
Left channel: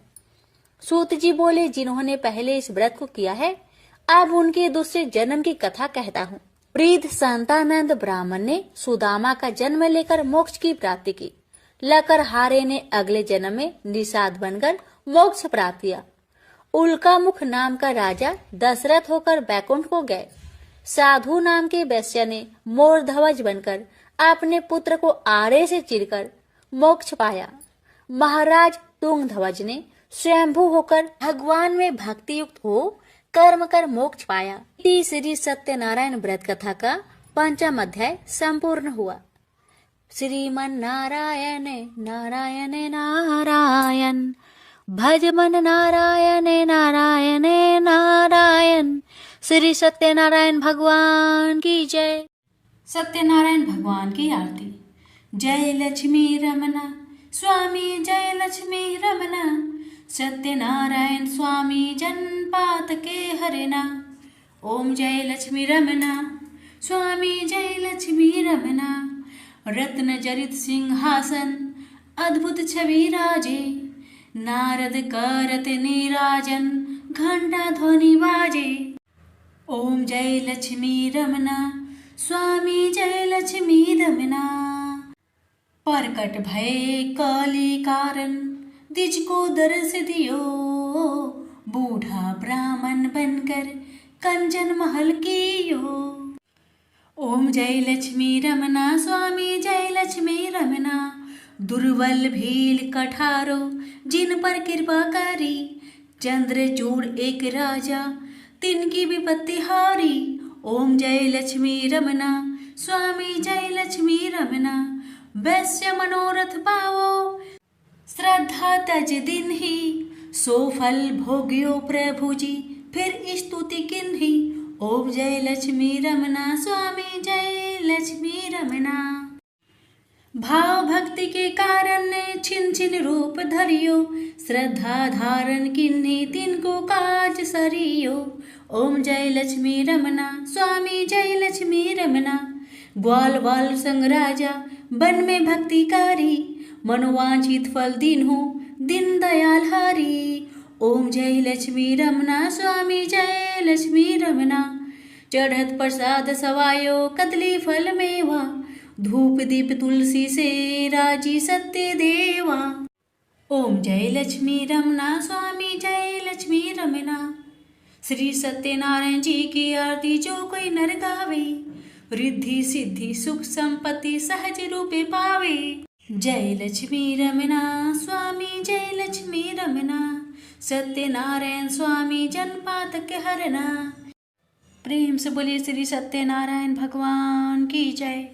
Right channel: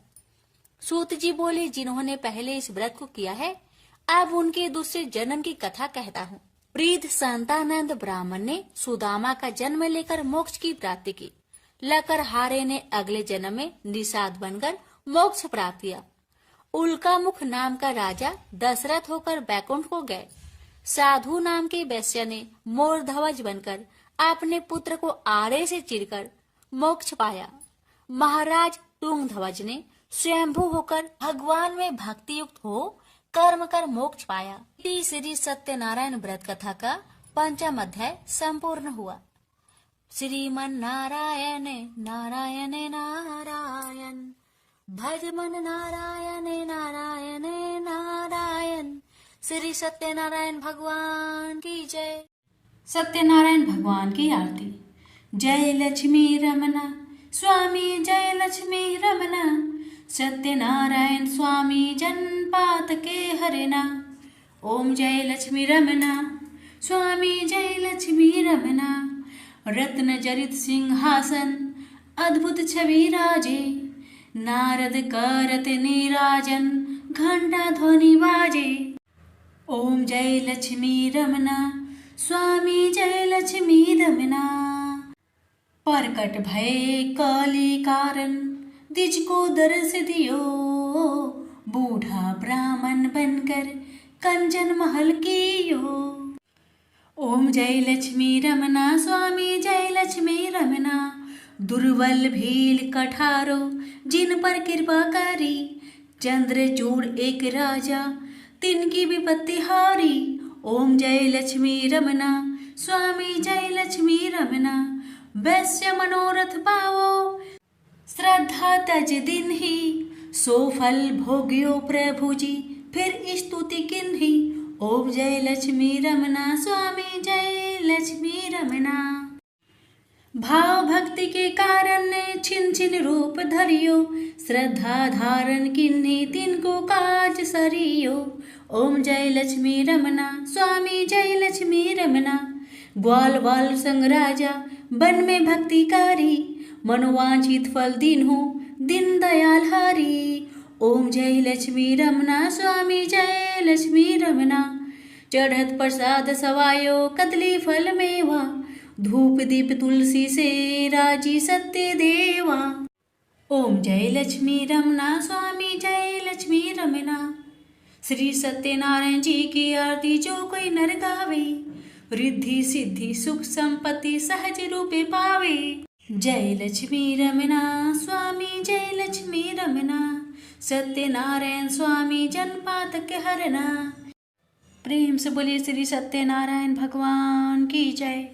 सूत जी बोले, जिन्होंने पहले इस व्रत को किया है, अब उनके दूसरे जन्म की कथा कहता हूँ। वृद्ध संतानंद ब्राह्मण ने सुदामा का जन्म लेकर मोक्ष की प्राप्ति की। लकरहारे ने अगले जन्म में निषाद बनकर मोक्ष प्राप्त किया। उल्कामुख नाम का राजा दशरथ होकर बैकुंठ को गए। साधु नाम के वैश्य ने मोर ध्वज बनकर अपने पुत्र को आड़े से चीरकर मोक्ष पाया। महाराज तुंगध्वज ने स्वयंभू होकर भगवान में भक्ति युक्त हो कर्म कर मोक्ष पाया। श्री सत्यनारायण व्रत कथा का 5वां अध्याय संपूर्ण हुआ। श्रीमन नारायण नारायण नारायण भज मन नारायण नारायण नारायण। श्री सत्यनारायण भगवान की जय। सत्यनारायण भगवान की आरती। जय लक्ष्मी रमना स्वामी, जय लक्ष्मी रमना, सत्यनारायण स्वामी जनपात के हरना। ओम जय लक्ष्मी रमना स्वामी, जय लक्ष्मी रमना। रत्न जरित सिंहासन अद्भुत छवि राजे, नारद करत नीराजन घंटा ध्वनि बाजे। ओम जय लक्ष्मी रमना स्वामी जय लक्ष्मी रमना। प्रकट भय काली कारण द्विज को दर्श दियो। बूढ़ा ब्राह्मण बनकर कंचन महल कियो। ओम जय लक्ष्मी रमना स्वामी जय लक्ष्मी रमना। दुर्बल भील कठारो जिन पर कृपा करी। चंद्रचूड़ एक राजा तिनकी विपत्ति हारी। ओम जय लक्ष्मी रमना स्वामी जय लक्ष्मी रमना। वैश्य मनोरथ पावो श्रद्धा तज दिन ही। सो फल भोग्यो प्रभु जी फिर स्तुति किन्ही। ओम जय लक्ष्मी रमना स्वामी जय लक्ष्मी रमना। भाव भक्ति के कारण ने छिन छिन रूप धरियो। श्रद्धा धारण किन्ही तिनको काज सरियो। ओम जय लक्ष्मी रमना स्वामी जय लक्ष्मी रमना। ग्वाल वाल संग राजा वन में भक्ति कारी। मनोवांछित फल दीन्हो दीन दयाल हारी। ओम जय लक्ष्मी रमना स्वामी जय लक्ष्मी रमना। चढ़त प्रसाद सवायो कदली फल मेवा। धूप दीप तुलसी से राजी सत्य देवा। ओम जय लक्ष्मी रमना स्वामी जय लक्ष्मी रमना। श्री सत्यनारायण जी की आरती जो कोई नर गावे। रिद्धि सिद्धि सुख संपत्ति सहज रूपे पावे। जय लक्ष्मी रमना स्वामी जय लक्ष्मी रमना। सत्यनारायण स्वामी जनपातक हरना। प्रेम से बोलिए श्री सत्यनारायण भगवान की जय।